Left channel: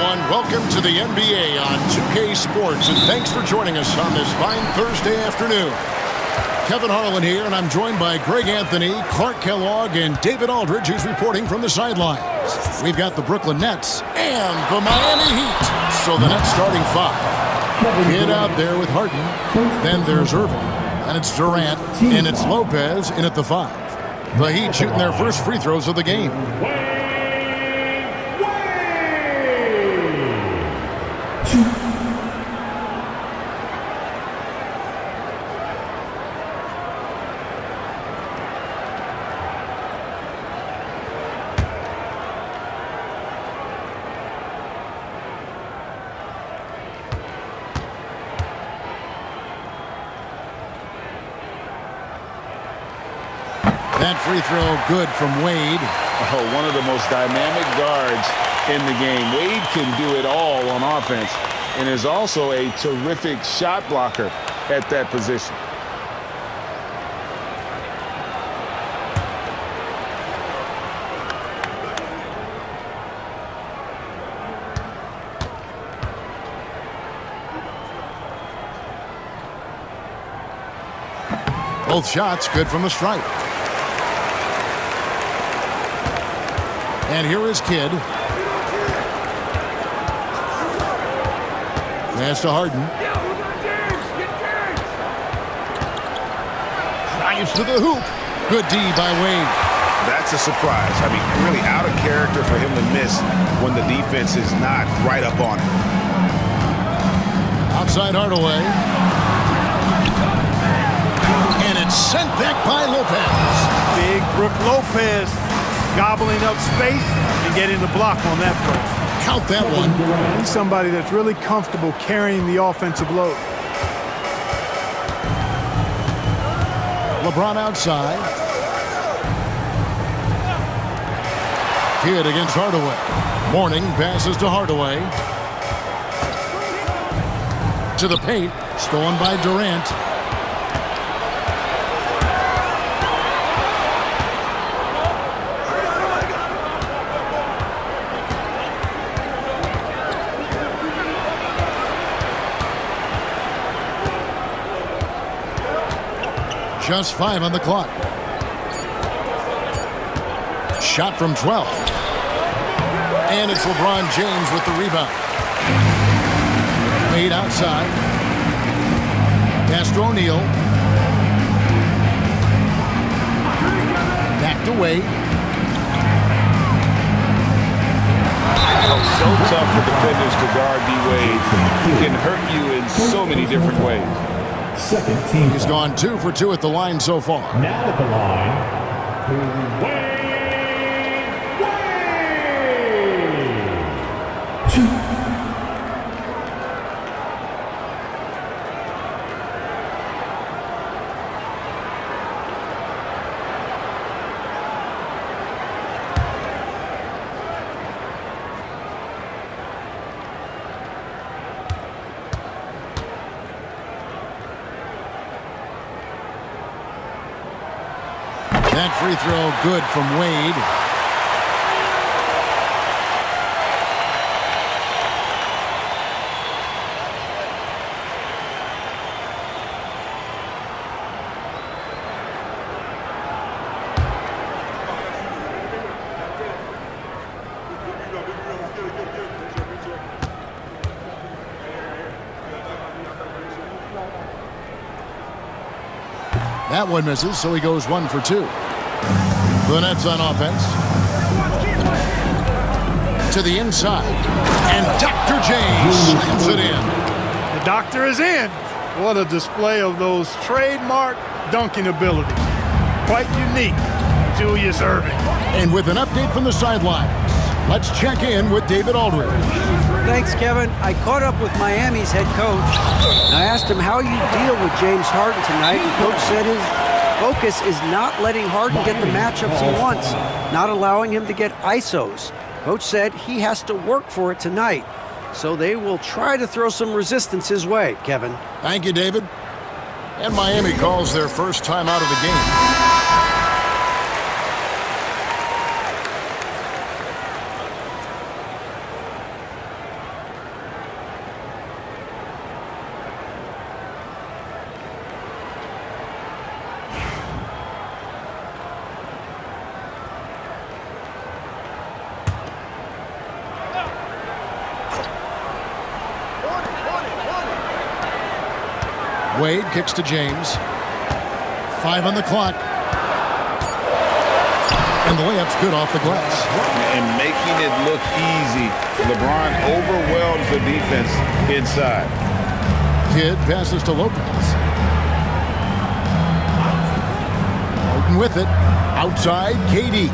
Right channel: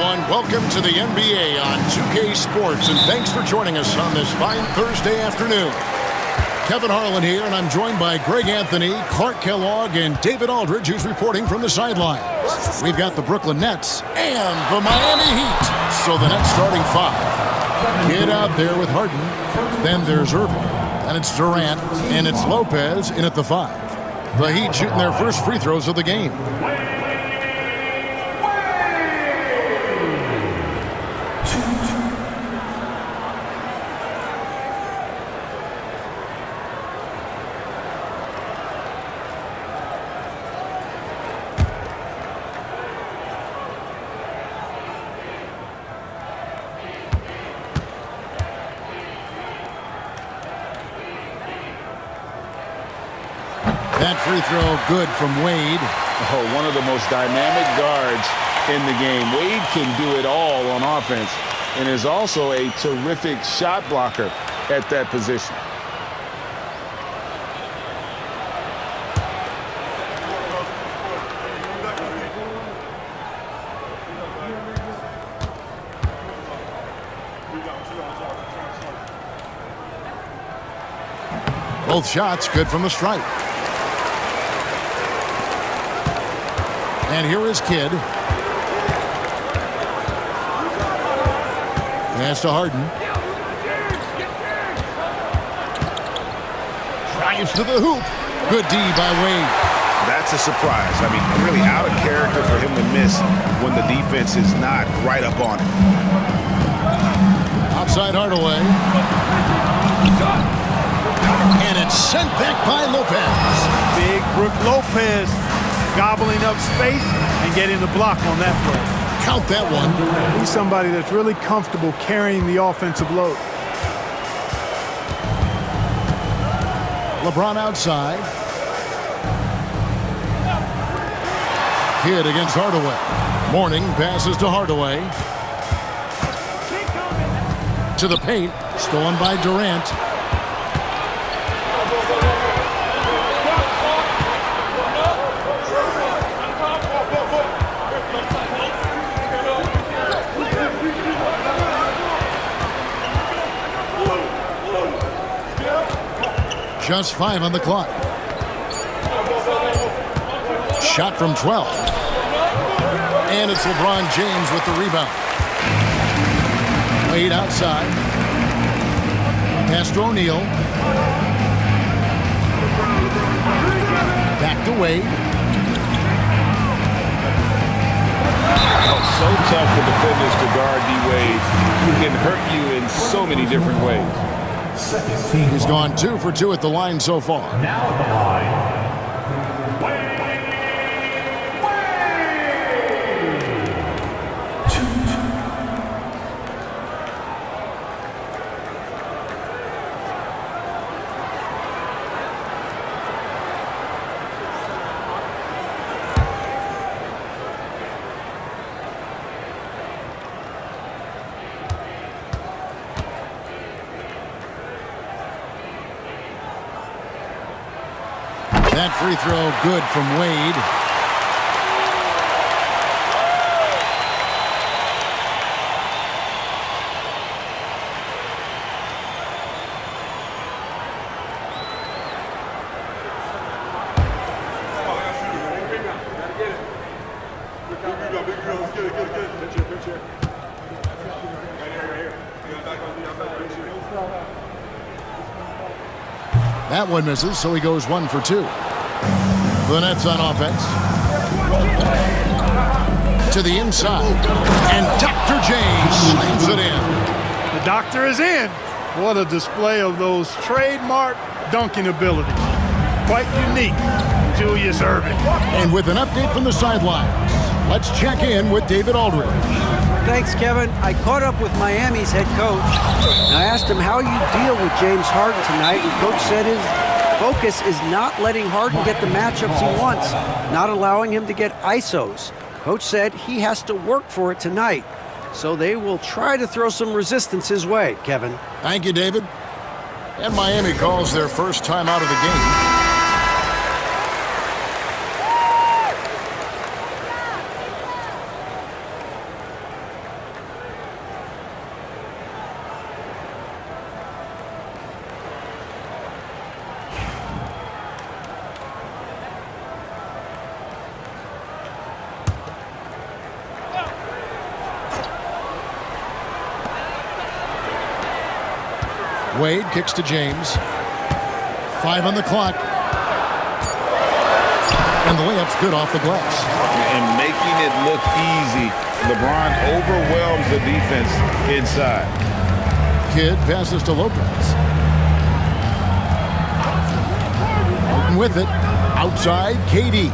everyone. Welcome to the NBA on 2K Sports, and thanks for joining us on this fine Thursday afternoon. Kevin Harlan here, and I'm joined by Greg Anthony, Clark Kellogg, and David Aldridge, who's reporting from the sidelines. We've got the Brooklyn Nets and the Miami Heat. So the Nets starting five. Kidd out there with Harden. Then there's Irving. Then it's Durant, and it's Lopez in at the five. The Heat shooting their first free throws of the game. That free throw good from Wade. Oh, one of the most dynamic guards in the game. Wade can do it all on offense and is also a terrific shot blocker at that position. Both shots good from the stripe. And here is Kidd. Pass to Harden. Drives to the hoop. Good D by Wade. That's a surprise. I mean, really out of character for him to miss when the defense is not right up on it. Outside Hardaway. And it's sent back by Lopez. Big Brook Lopez gobbling up space and getting the block on that play. Count that one. He's somebody that's really comfortable carrying the offensive load. LeBron outside. Kidd against Hardaway. Mourning passes to Hardaway. To the paint. Stolen by Durant. Just 5 on the clock. Shot from 12. And it's LeBron James with the rebound. Wade outside. Pass to O'Neal. Back to Wade. Oh, so tough for defenders to guard D-Wade. He can hurt you in so many different ways. Second team. He's gone 2 for 2 at the line so far. Now at the line, Wade. That free throw good from Wade. That one misses, so he goes 1 for 2. The Nets on offense. To the inside. And Dr. J slams it in. The doctor is in. What a display of those trademark dunking abilities. Quite unique, Julius Irving. And with an update from the sidelines, let's check in with David Aldridge. Thanks, Kevin. I caught up with Miami's head coach. And I asked him how you deal with James Harden tonight, and Coach said his focus is not letting Harden get the matchups he wants, not allowing him to get ISOs. Coach said he has to work for it tonight, so they will try to throw some resistance his way, Kevin. Thank you, David. And Miami calls their first time out of the game. Wade kicks to James. 5 on the clock. And the layup's good off the glass. And making it look easy, LeBron overwhelms the defense inside. Kidd passes to Lopez. Harden with it. Outside, KD.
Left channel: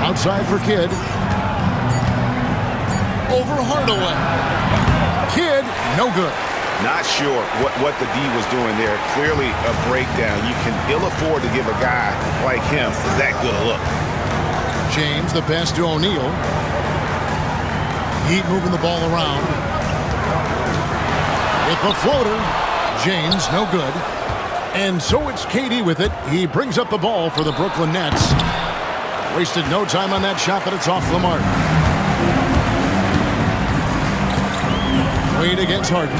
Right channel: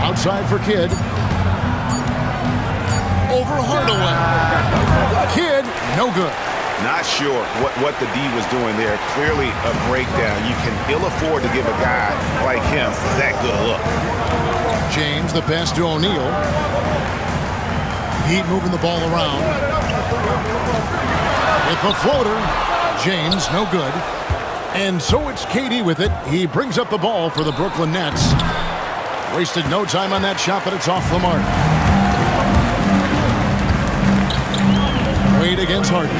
Outside for Kidd. Over Hardaway. Kidd, no good. Not sure what the D was doing there. Clearly a breakdown. You can ill afford to give a guy like him that good a look. James, the pass to O'Neal. Heat moving the ball around. With the floater. James, no good. And so it's KD with it. He brings up the ball for the Brooklyn Nets. Wasted no time on that shot, but it's off the mark. Wade against Harden.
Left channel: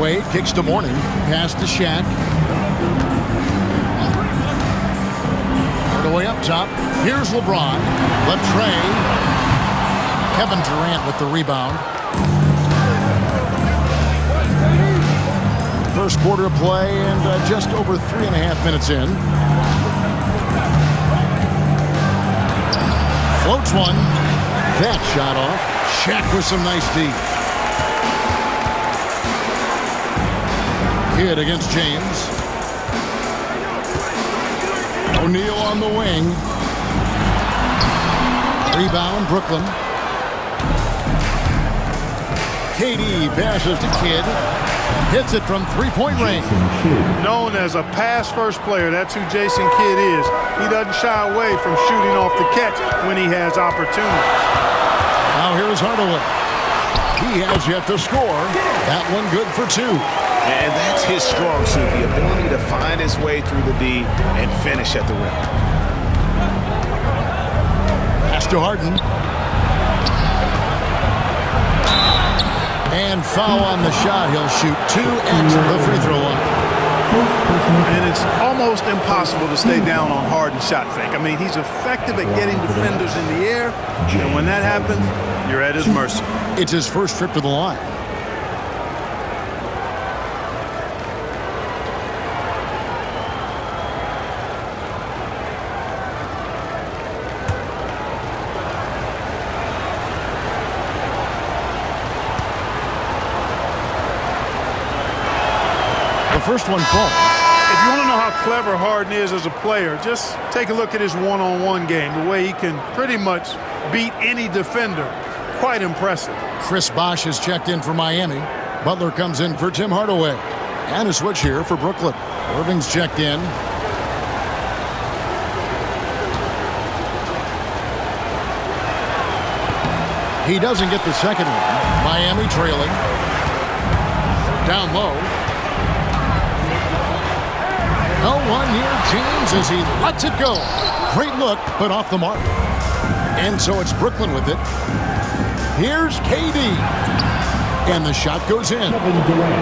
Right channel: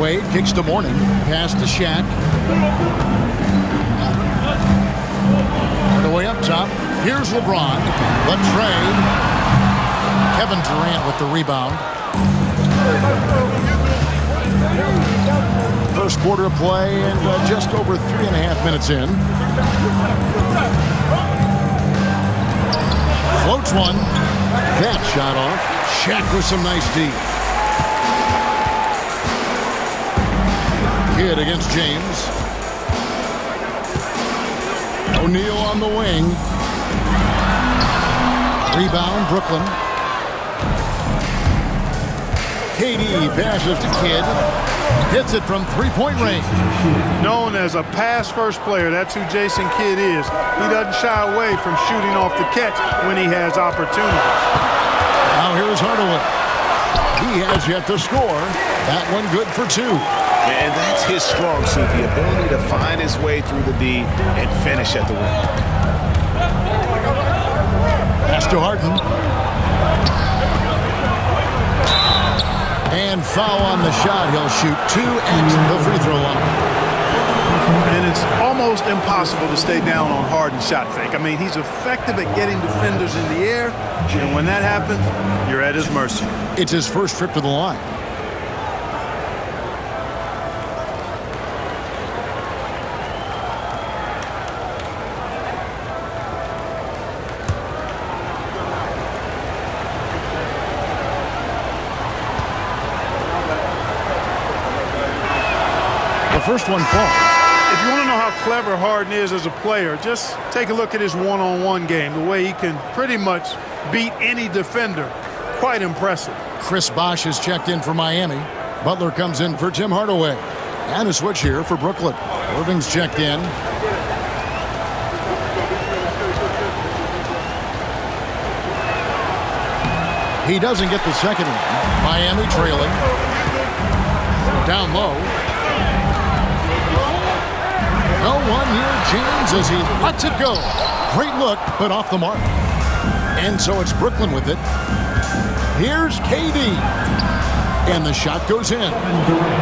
Wade kicks to Mourning. Pass to Shaq. Hardaway up top. Here's LeBron. The tray. Kevin Durant with the rebound. First quarter of play and just over 3.5 minutes in. Floats one. That shot off. Shaq with some nice D. Kidd against James. O'Neal on the wing. Rebound, Brooklyn. KD passes to Kidd. Hits it from three-point range. Known as a pass-first player, that's who Jason Kidd is. He doesn't shy away from shooting off the catch when he has opportunity. Now here's Hardaway. He has yet to score. That one good for 2. And that's his strong suit, the ability to find his way through the D and finish at the rim. Pass to Harden. And foul on the shot. He'll shoot 2 at the free throw line. And it's almost impossible to stay down on Harden's shot fake. I mean, he's effective at getting defenders in the air, and when that happens, you're at his mercy. It's his first trip to the line. The first one falls. If you want to know how clever Harden is as a player, just take a look at his one-on-one game, the way he can pretty much beat any defender. Quite impressive. Chris Bosh has checked in for Miami. Butler comes in for Tim Hardaway. And a switch here for Brooklyn. Irving's checked in. He doesn't get the second one. Miami trailing. Down low. No one near James as he lets it go. Great look, but off the mark. And so it's Brooklyn with it. Here's KD. And the shot goes in.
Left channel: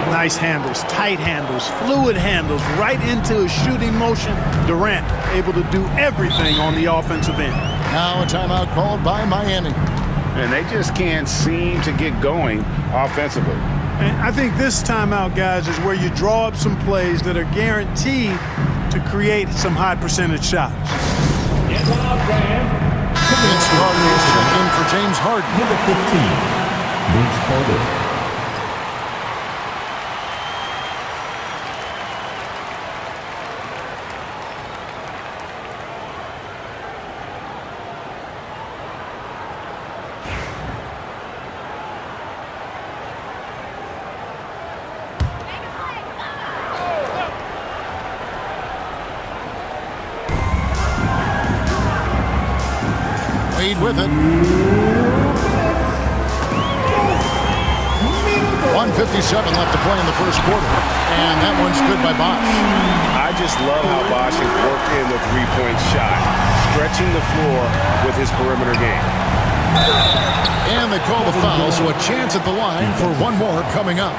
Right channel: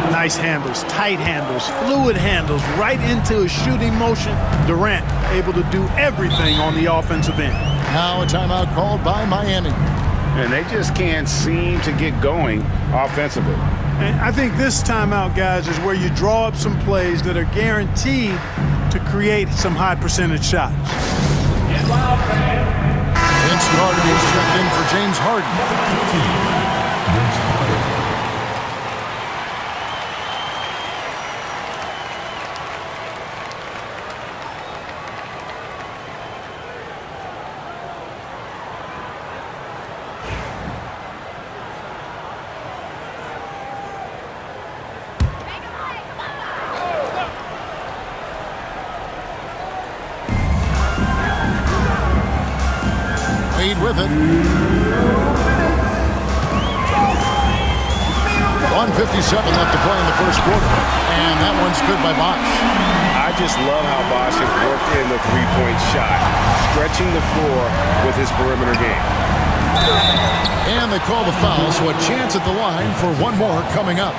Nice handles, tight handles, fluid handles, right into his shooting motion. Durant able to do everything on the offensive end. Now a timeout called by Miami. And they just can't seem to get going offensively. And I think this timeout, guys, is where you draw up some plays that are guaranteed to create some high percentage shots. Vince Carter is checked in for James Harden. Number 15, Vince Carter. Wade with it. 1:57 left to play in the first quarter. And that one's good by Bosh. I just love how Bosh has worked in the three-point shot, stretching the floor with his perimeter game. And they call the foul, so a chance at the line for one more coming up.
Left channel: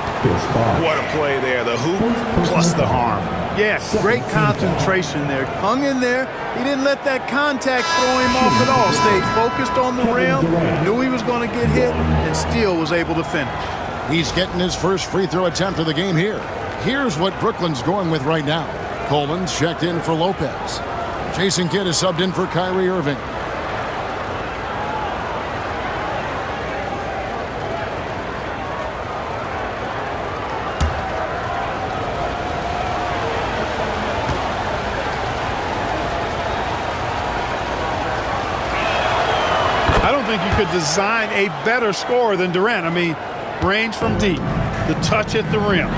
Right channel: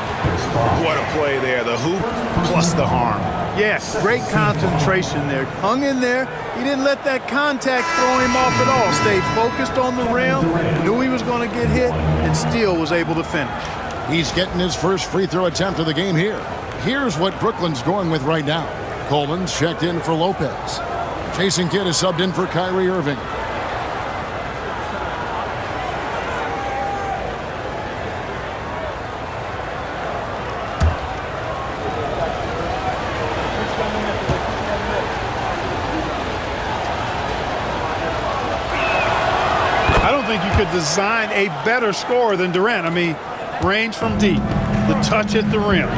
What a play there. The hoop plus the harm. Yes, great concentration there. Hung in there. He didn't let that contact throw him off at all. Stayed focused on the rim, knew he was going to get hit, and still was able to finish. He's getting his first free throw attempt of the game here. Here's what Brooklyn's going with right now. Coleman's checked in for Lopez. Jason Kidd is subbed in for Kyrie Irving. I don't think you could design a better scorer than Durant. I mean, range from deep, the touch at the rim,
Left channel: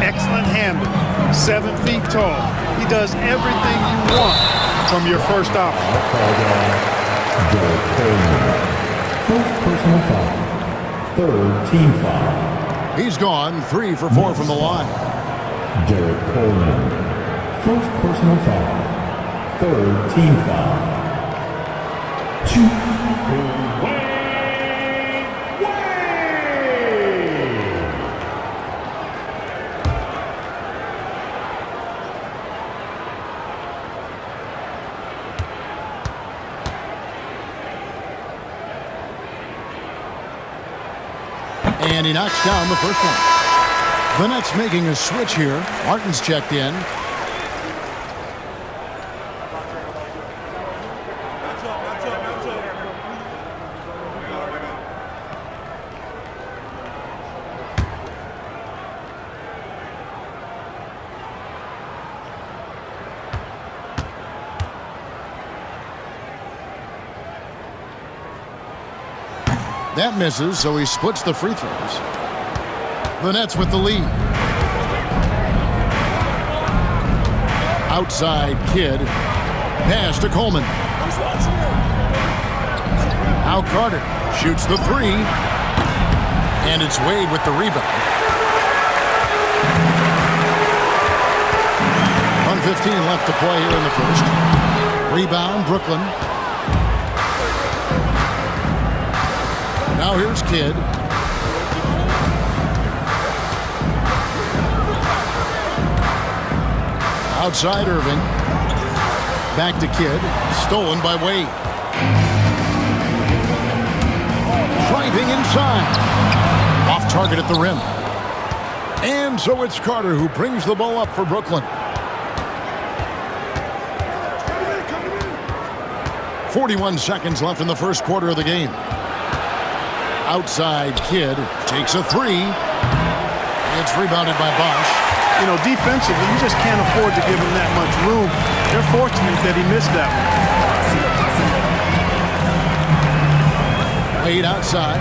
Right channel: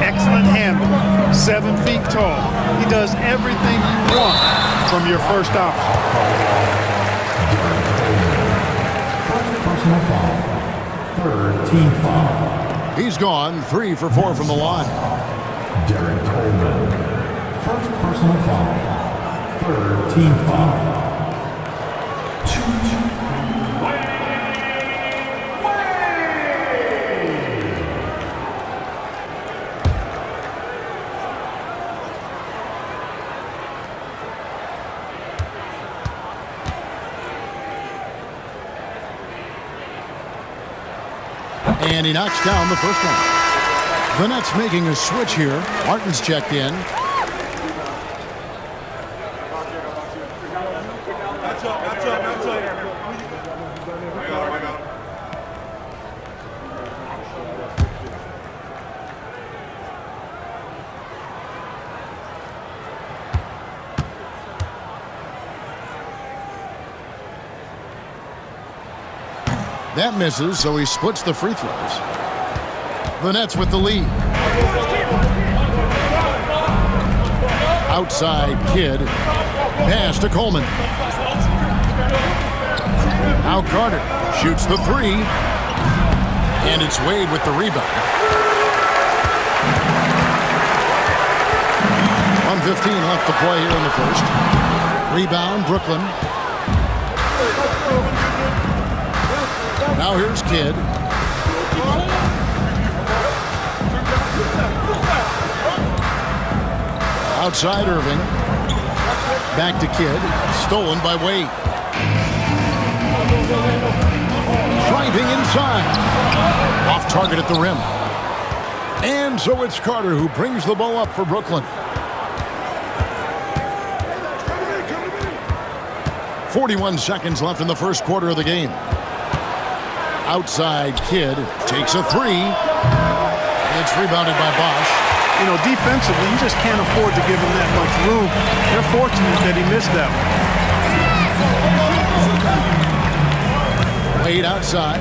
excellent handle, 7 feet tall. He does everything you want from your first option. First personal foul. Third team foul. He's gone 3 for 4 from the line. Derek Coleman. First personal foul. Third team foul. And he knocks down the first one. The Nets making a switch here. Martin's checked in. That misses, so he splits the free throws. The Nets with the lead. Outside Kidd. Pass to Coleman. Now Carter shoots the 3. And it's Wade with the rebound. 1:15 left to play here in the first. Rebound, Brooklyn. Now here's Kidd. Outside Irving. Back to Kidd. Stolen by Wade. Driving inside. Off target at the rim. And so it's Carter who brings the ball up for Brooklyn. 41 seconds left in the first quarter of the game. Outside Kidd takes a 3. It's rebounded by Bosch. You know, defensively, you just can't afford to give him that much room. They're fortunate that he missed that one. Wade outside.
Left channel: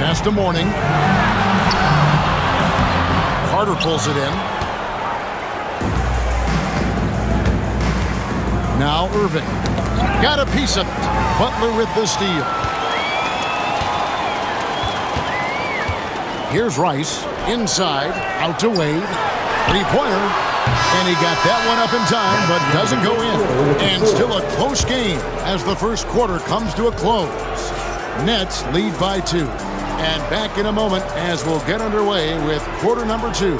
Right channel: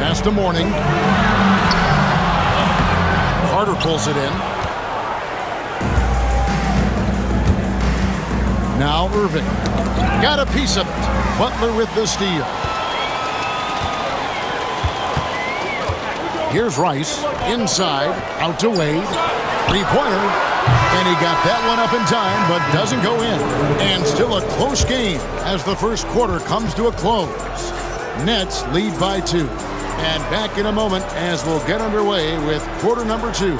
Pass to Mourning. Carter pulls it in. Now Irving. Got a piece of it. Butler with the steal. Here's Rice, inside, out to Wade, 3-pointer, and he got that one up in time, but doesn't go in. And still a close game as the first quarter comes to a close. Nets lead by 2. And back in a moment as we'll get underway with quarter number 2.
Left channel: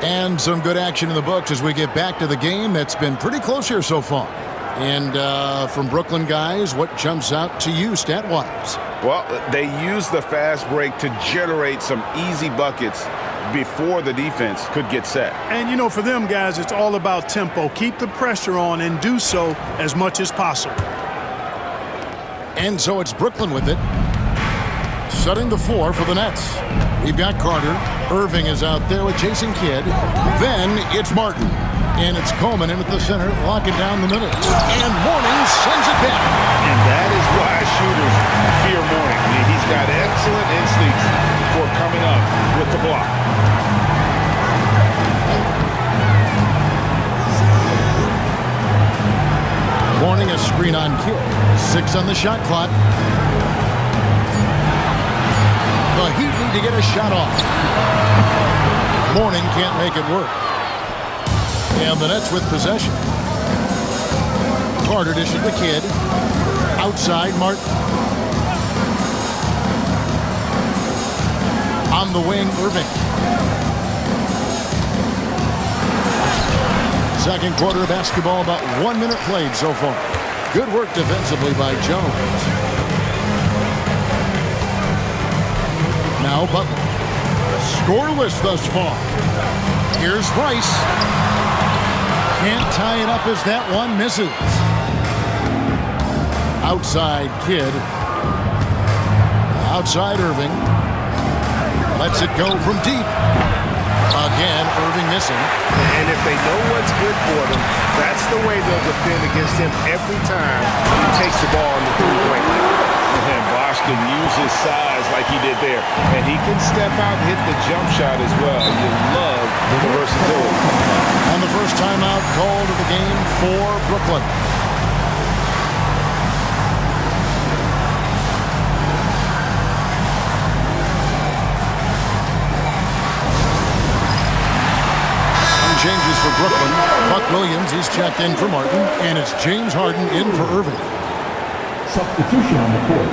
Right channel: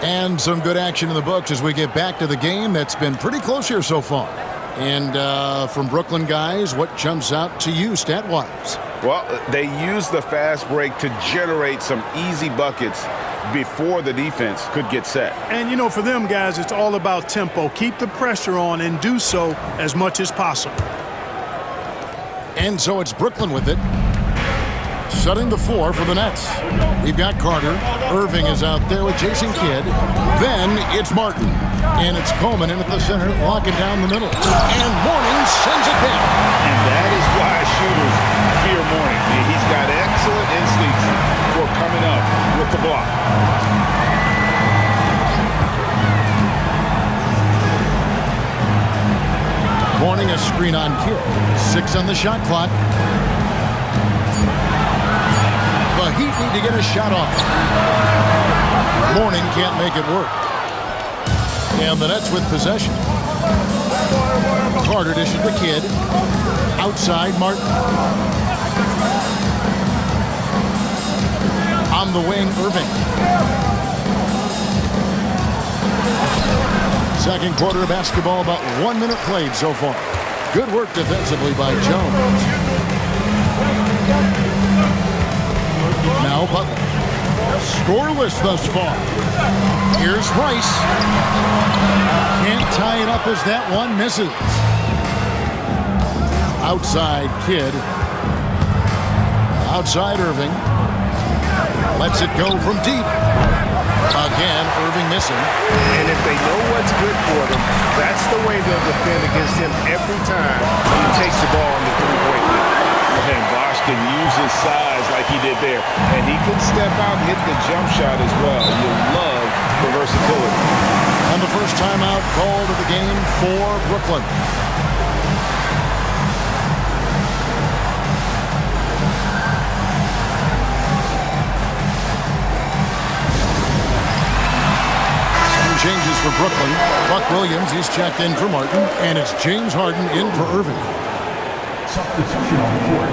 And some good action in the books as we get back to the game that's been pretty close here so far. And from Brooklyn guys, what jumps out to you stat-wise? Well, they use the fast break to generate some easy buckets before the defense could get set. And, you know, for them guys, it's all about tempo. Keep the pressure on and do so as much as possible. And so it's Brooklyn with it. Setting the floor for the Nets. We've got Carter. Irving is out there with Jason Kidd. Then it's Martin. And it's Coleman in at the center, locking down the middle. And Mourning sends it back. And that is why shooters fear Mourning. I mean, he's got excellent instincts for coming up with the block. Mourning a screen on Kidd. 6 on the shot clock. The Heat need to get a shot off. Mourning can't make it work. And the Nets with possession. Carter dishes the Kid. Outside, Martin. On the wing, Irving. Second quarter of basketball, about 1 minute played so far. Good work defensively by Jones. Now Butler. Scoreless thus far. Here's Rice. Can't tie it up as that one misses. Outside Kid. Outside Irving. Lets it go from deep. Again, Irving missing. And if they know what's good for them, that's the way they'll defend against him every time he takes the ball in the three-point line. And Bosh can use his size like he did there. And he can step out and hit the jump shot as well. You love the versatility. And the first timeout called of the game for Brooklyn. Changes for Brooklyn. Buck Williams, he's checked in for Martin, and it's James Harden in for Irving. Substitution on the court.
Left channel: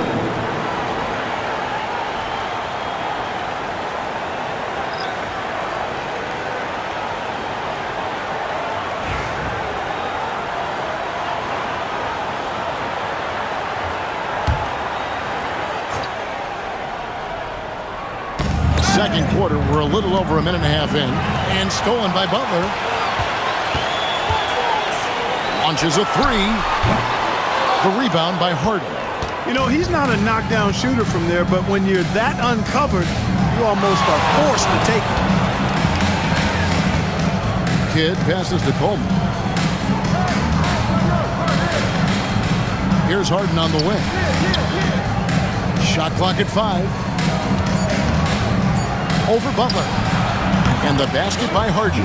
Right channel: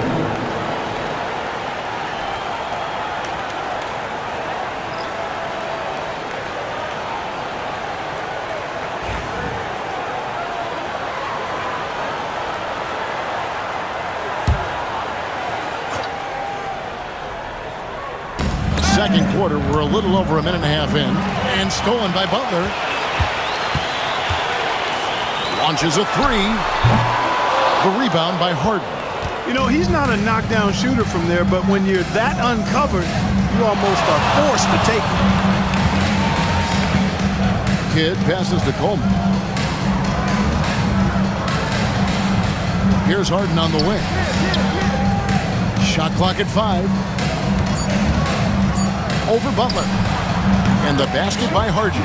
Second quarter, we're a little over a minute and a half in, and stolen by Butler. Launches a three. The rebound by Harden. You know, he's not a knockdown shooter from there, but when you're that uncovered, you almost are forced to take it. Kid passes to Coleman. Here's Harden on the wing. Shot clock at 5. Over Butler. And the basket by Harden.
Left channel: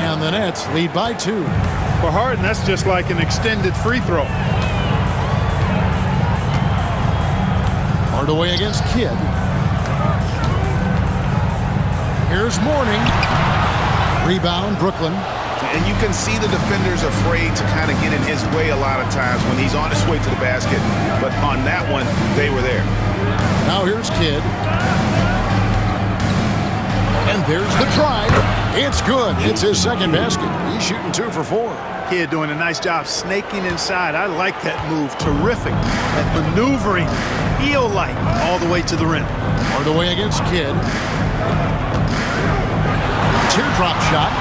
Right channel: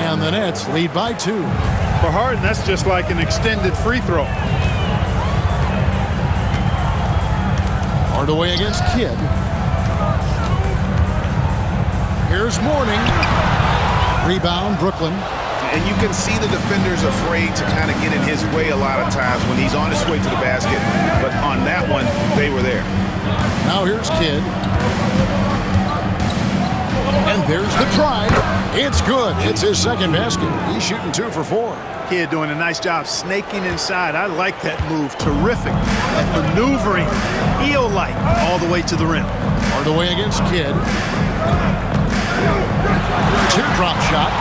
And the Nets lead by 2. For Harden, that's just like an extended free throw. Hardaway against Kidd. Here's Mourning. Rebound, Brooklyn. And you can see the defenders afraid to kind of get in his way a lot of times when he's on his way to the basket. But on that one, they were there. Now here's Kidd. And there's the drive. It's good. It's his second basket. He's shooting 2 for 4. Kid doing a nice job snaking inside. I like that move. Terrific. That maneuvering, eel-like, all the way to the rim. Hardaway against Kidd. Teardrop shot.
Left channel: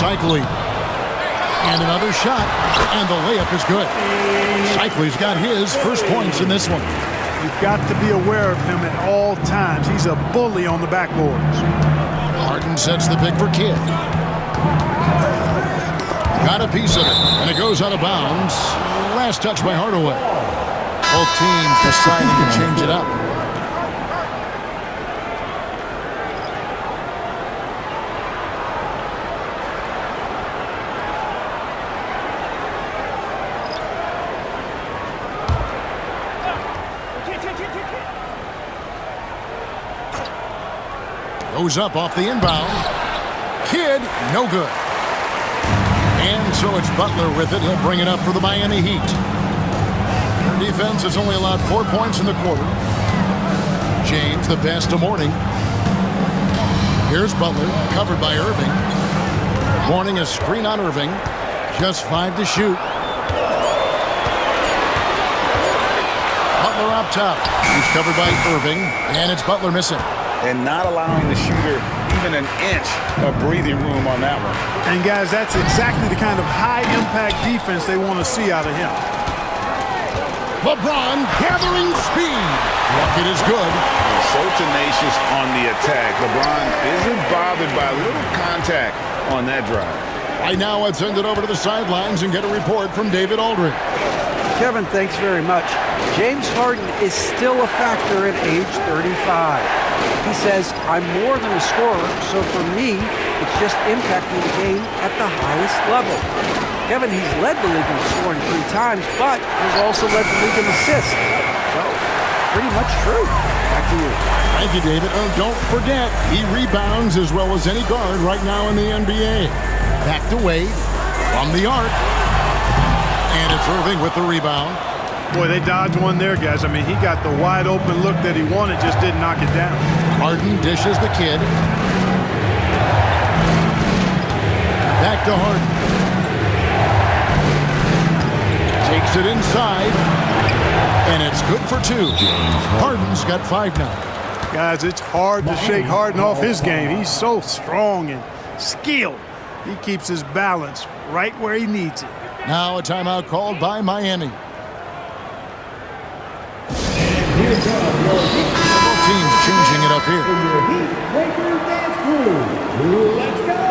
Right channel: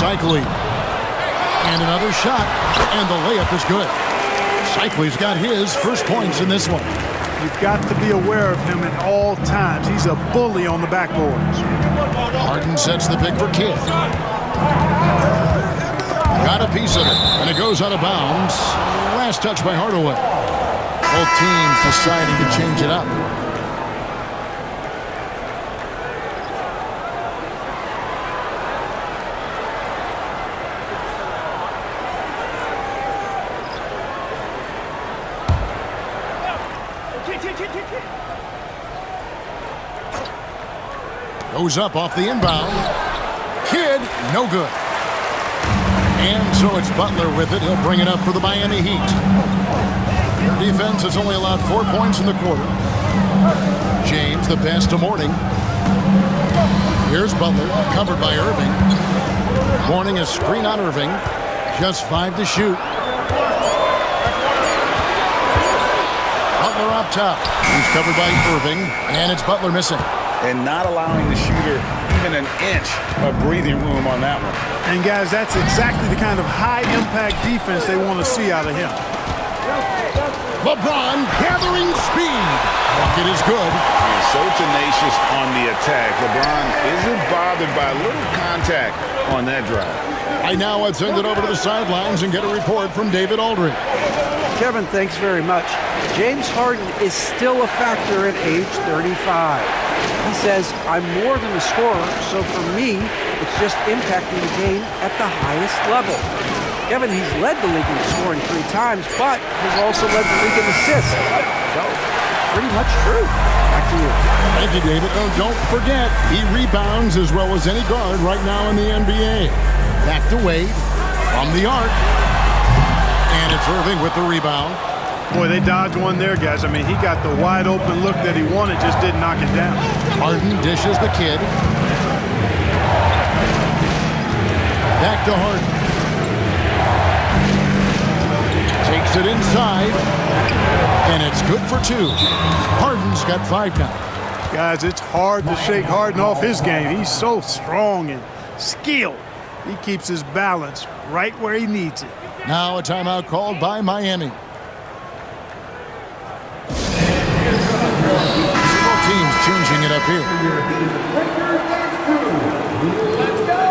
Cycli. And another shot. And the layup is good. Cycli's got his first points in this one. You've got to be aware of him at all times. He's a bully on the backboards. Harden sets the pick for Kidd. Got a piece of it, and it goes out of bounds. Last touch by Hardaway. Both teams deciding to change it up. Goes up off the inbound. Kidd, no good. And so it's Butler with it. He'll bring it up for the Miami Heat. Their defense has only allowed 4 points in the quarter. James, the pass to Mourning. Here's Butler, covered by Irving. Mourning a screen on Irving. Just 5 to shoot. Butler up top. He's covered by Irving, and it's Butler missing. And not allowing the shooter even an inch of breathing room on that one. And guys, that's exactly the kind of high-impact defense they want to see out of him. Lebron gathering speed. Bucket is good. He's so tenacious on the attack. LeBron isn't bothered by a little contact on that drive. Right now, let's send it over to the sidelines and get a report from David Aldridge. Kevin, thanks very much. James Harden is still a factor at age 35. He says, I'm more than a scorer, so for me, it's just impacting the game at the highest level. Kevin, he's led the league in scoring 3 times, but has also led the league in assists. So, pretty much true. Back to you. Thank you, David. Oh, don't forget, he rebounds as well as any guard right now in the NBA. Back to Wade from the arc. And it's Irving with the rebound. Boy, they dodged one there, guys. I mean, he got the wide open look that he wanted, just didn't knock it down. Harden dishes the kid. Back to Harden. Takes it inside. And it's good for 2. Harden's got 5 now. Guys, it's hard to shake Harden off his game. He's so strong and skilled. He keeps his balance right where he needs it. Now a timeout called by Miami. Several teams changing it up here. Let's go!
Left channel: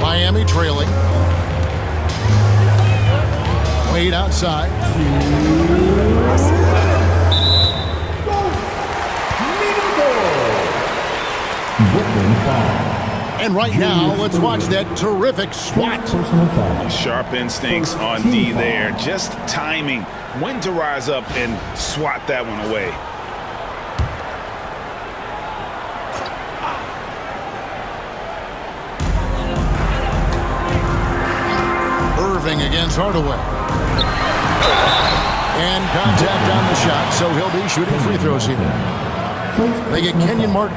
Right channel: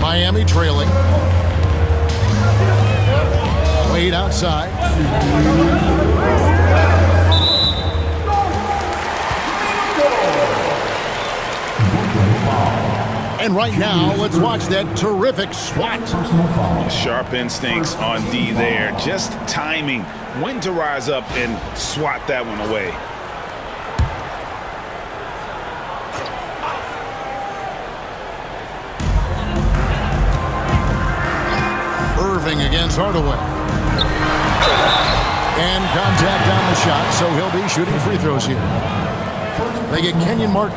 Miami trailing. Wade outside. And right now, let's watch that terrific swat. Personal foul. Sharp instincts on D there. Just timing when to rise up and swat that one away. Irving against Hardaway. And contact on the shot, so he'll be shooting free throws here. They get Kenyon Martin.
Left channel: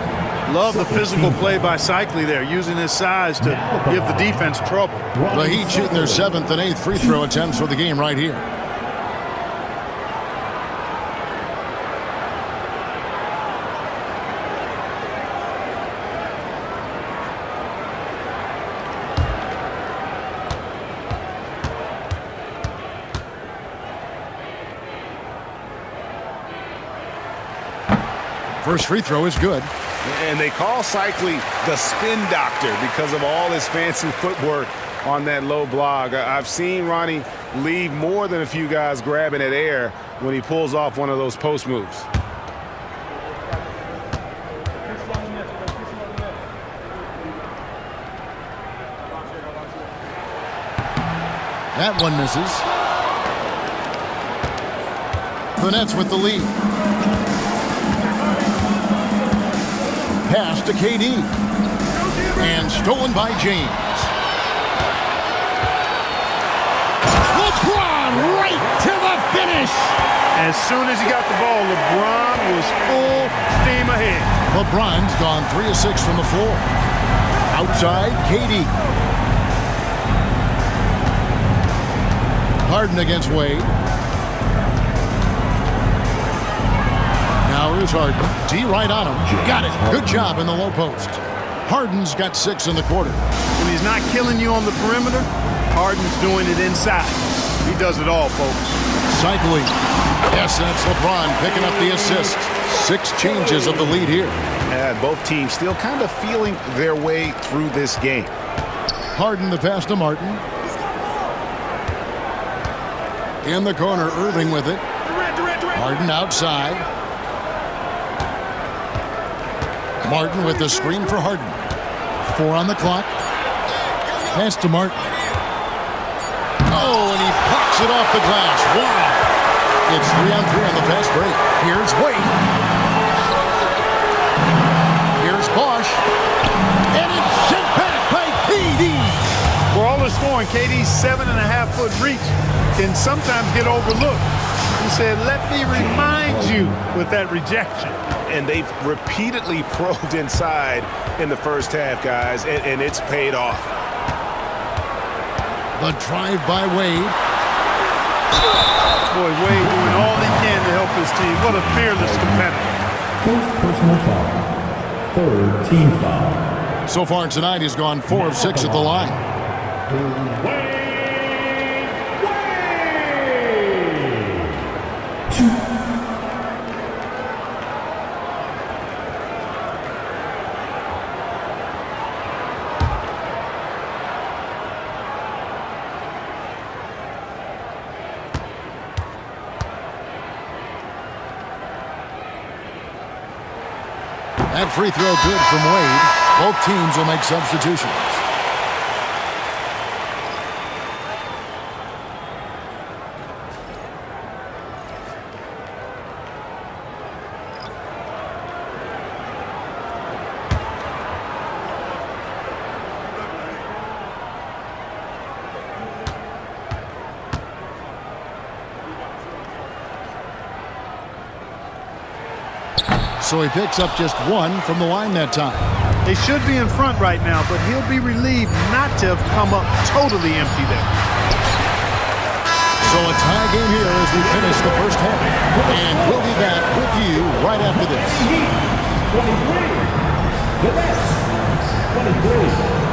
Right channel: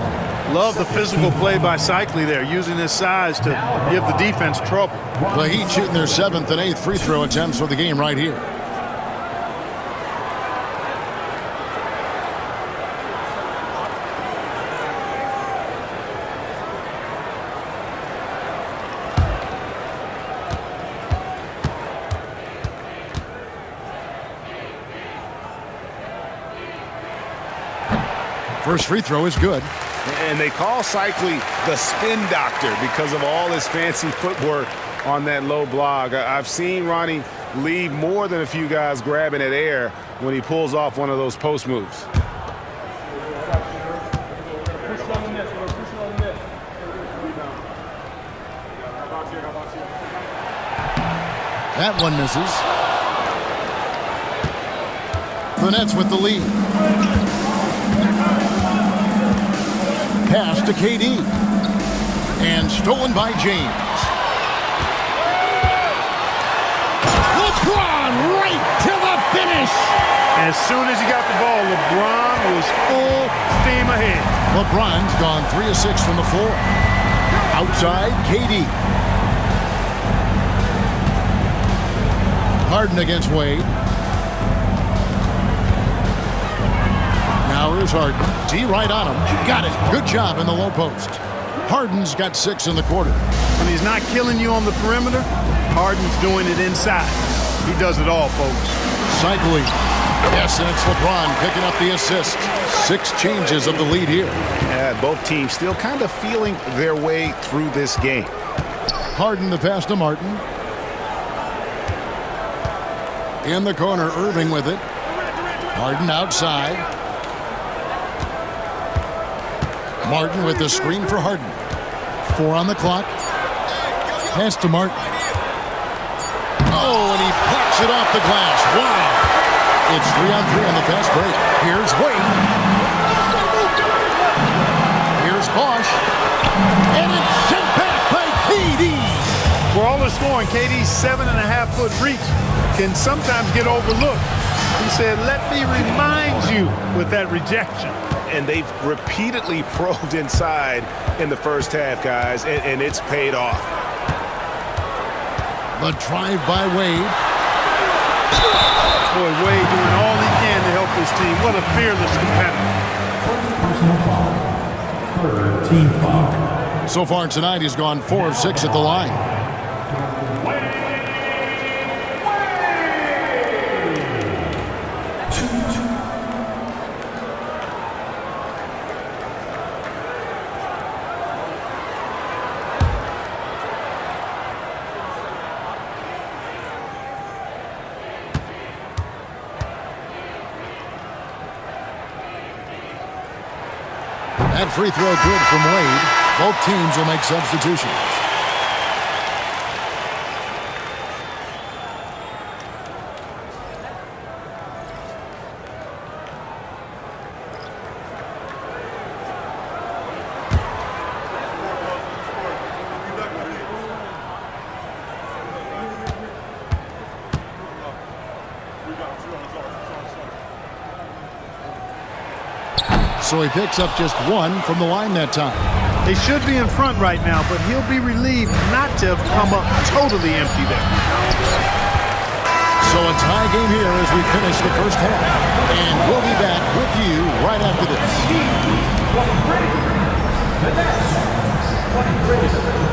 Love the physical play by Cycli there, using his size to give the defense trouble. The Heat shooting their 7th and 8th free throw attempts for the game right here. First free throw is good. And they call Cycli the spin doctor because of all his fancy footwork on that low block. I've seen Ronnie leave more than a few guys grabbing at air when he pulls off one of those post moves. That one misses. The Nets with the lead. Pass to KD. And stolen by James. LeBron right to the finish. As soon as he got the ball, LeBron was full steam ahead. LeBron's gone 3 of 6 from the floor. Outside, KD. Harden against Wade. Now here's Harden. D right on him. Got it. Good job in the low post. Harden's got 6 in the quarter. When he's not killing you on the perimeter, Harden's doing it inside. He does it all, folks. Cycling. Yes, and it's LeBron picking up the assist. 6 changes of the lead here. Yeah, both teams still kind of feeling their way through this game. Harden the pass to Martin. In the corner, Irving with it. Harden outside. Martin with the screen for Harden. 4 on the clock. Pass to Martin. Oh, and he plucks it off the glass. Wow. It's 3 on 3 on the fast break. Here's Wade. Here's Bosch. And it's sent back by KD. For all the scoring, KD's 7.5-foot reach can sometimes get overlooked. He said, let me remind you with that rejection. And they've repeatedly probed inside in the first half, guys, and it's paid off. The drive by Wade. Boy, Wade doing all he can to help his team. What a fearless competitor. First personal foul. Third team foul. So far tonight, he's gone 4 of 6 at the line. That free throw good from Wade. Both teams will make substitutions. So he picks up just one from the line that time. They should be in front right now, but he'll be relieved not to have come up totally empty there. So a tie game here as we finish the first half. And we'll be back with you right after this. 23. The Nets, 23.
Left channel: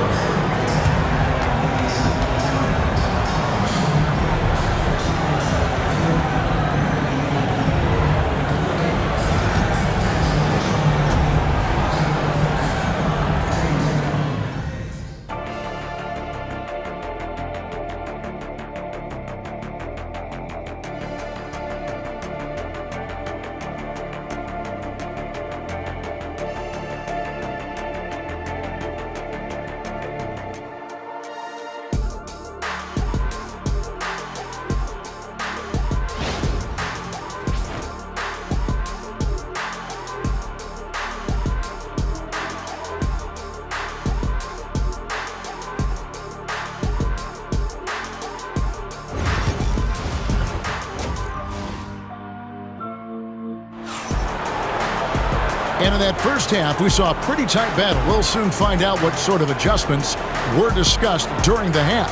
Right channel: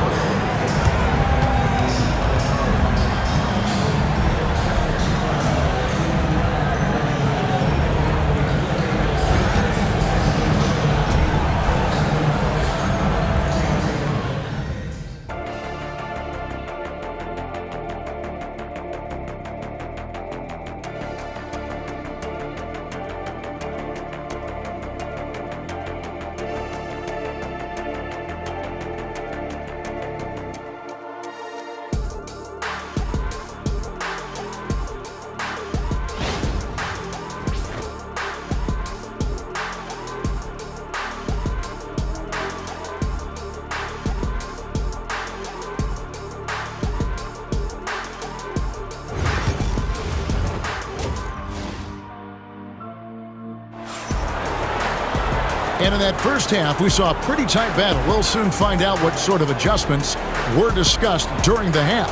And in that first half, we saw a pretty tight battle. We'll soon find out what sort of adjustments were discussed during the half.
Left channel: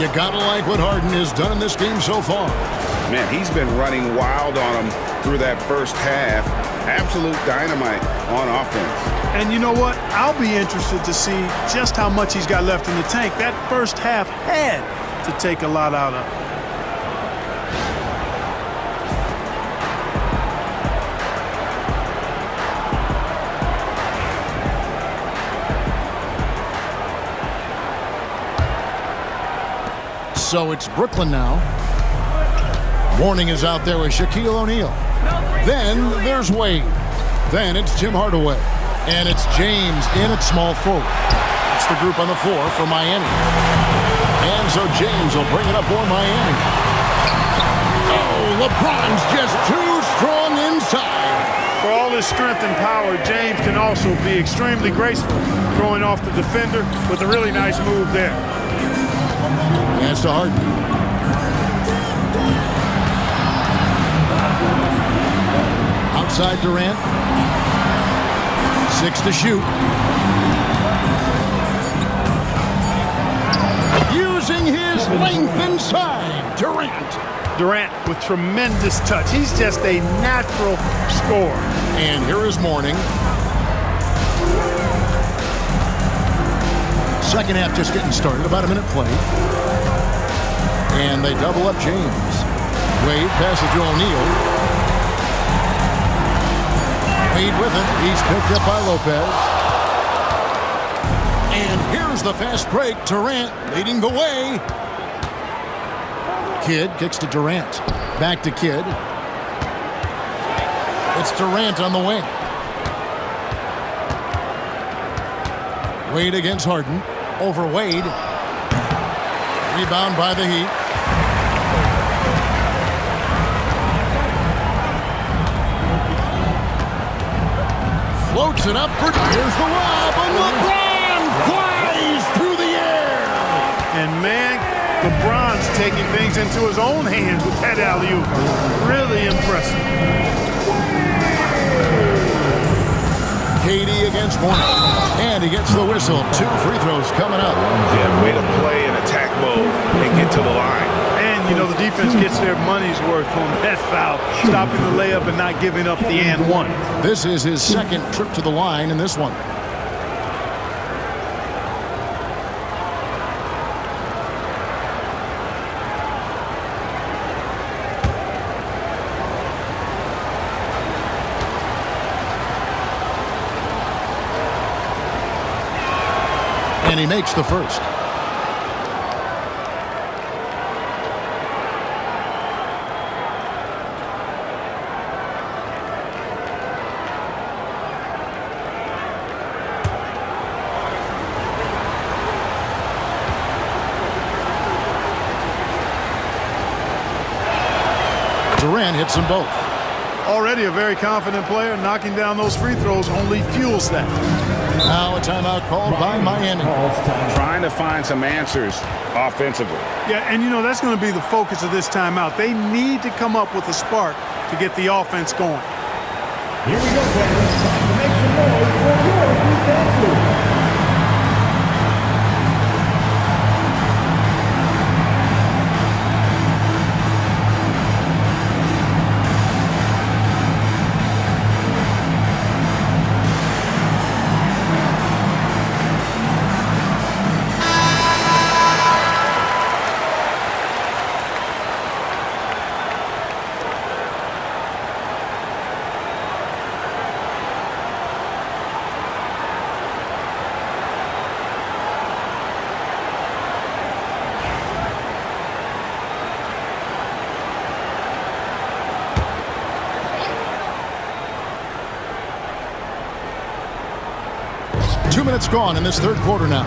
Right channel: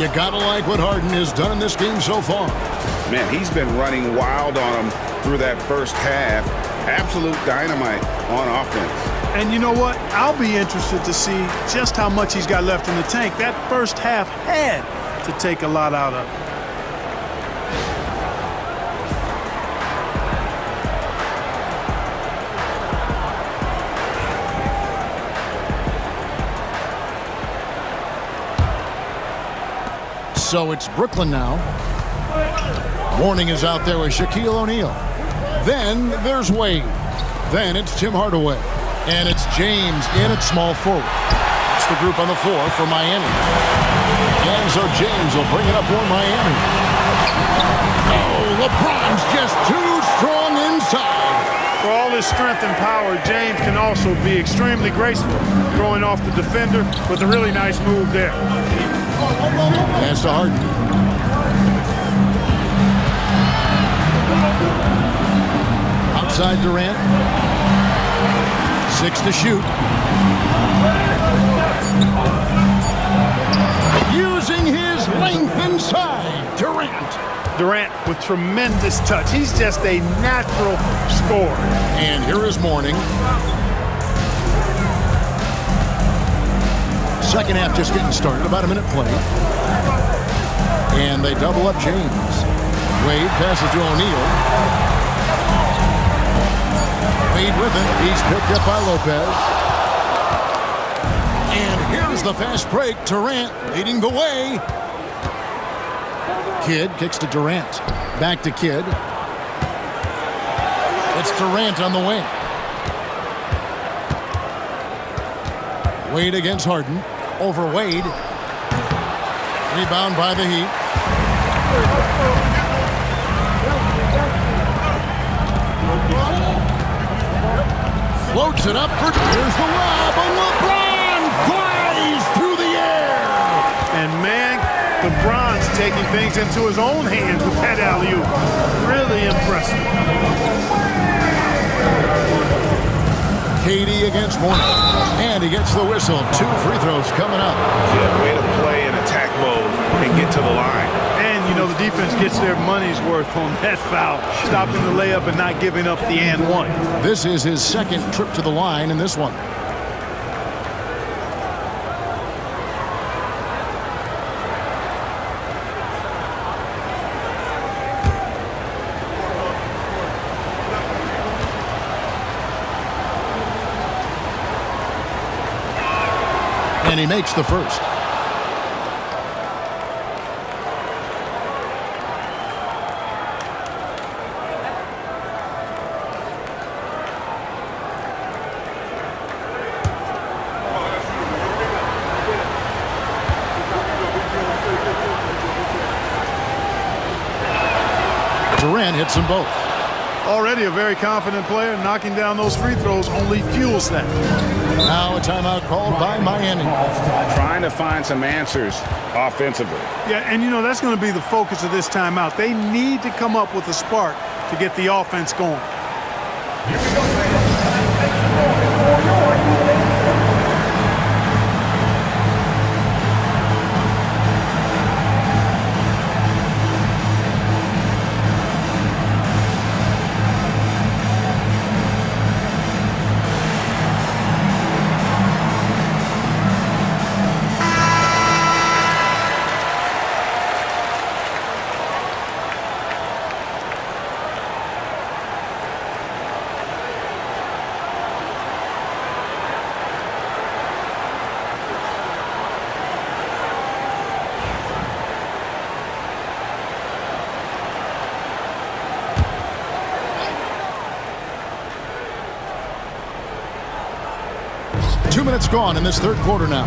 You gotta like what Harden has done in this game so far. Man, he's been running wild on them through that first half. Absolute dynamite on offense. And you know what? I'll be interested to see just how much he's got left in the tank. That first half had to take a lot out of it. So it's Brooklyn now. Warning is out there with Shaquille O'Neal. Then there's Wade. Then it's Tim Hardaway. And it's James in at small forward. That's the group on the floor for Miami. And so James will bring it up for Miami. Oh, LeBron's just too strong inside. For all his strength and power, James can also be extremely graceful, throwing off the defender with a really nice move there. Pass to Harden. Outside Durant. 6 to shoot. Using his length inside, Durant. Durant with tremendous touch. He's just a natural scorer. And here is Mourning. Second half just getting started, about a minute played. And they double up James. Wade passes to O'Neal. Wade with it. He's picked up by Lopez. And here's the fast break. Durant leading the way. Kidd kicks to Durant. Back to Kidd. It's Durant on the wing. Wade against Harden. Over Wade. Rebound by the Heat. Floats it up for... Here's the lob, and LeBron flies through the air. And man, LeBron's taking things into his own hands with that alley-oop. Really impressive. KD against Mourning. And he gets the whistle. 2 free throws coming up. Yeah, way to play in attack mode and get to the line. And, you know, the defense gets their money's worth on that foul, stopping the layup and not giving up the and one. This is his second trip to the line in this one. And he makes the first. Durant hits them both. Already a very confident player. Knocking down those free throws only fuels that. Now a timeout called by Miami. Trying to find some answers offensively. Yeah, and you know, that's going to be the focus of this timeout. They need to come up with a spark to get the offense going. Here we go, fans. Make some noise for your defense. 2 minutes gone in this third quarter now.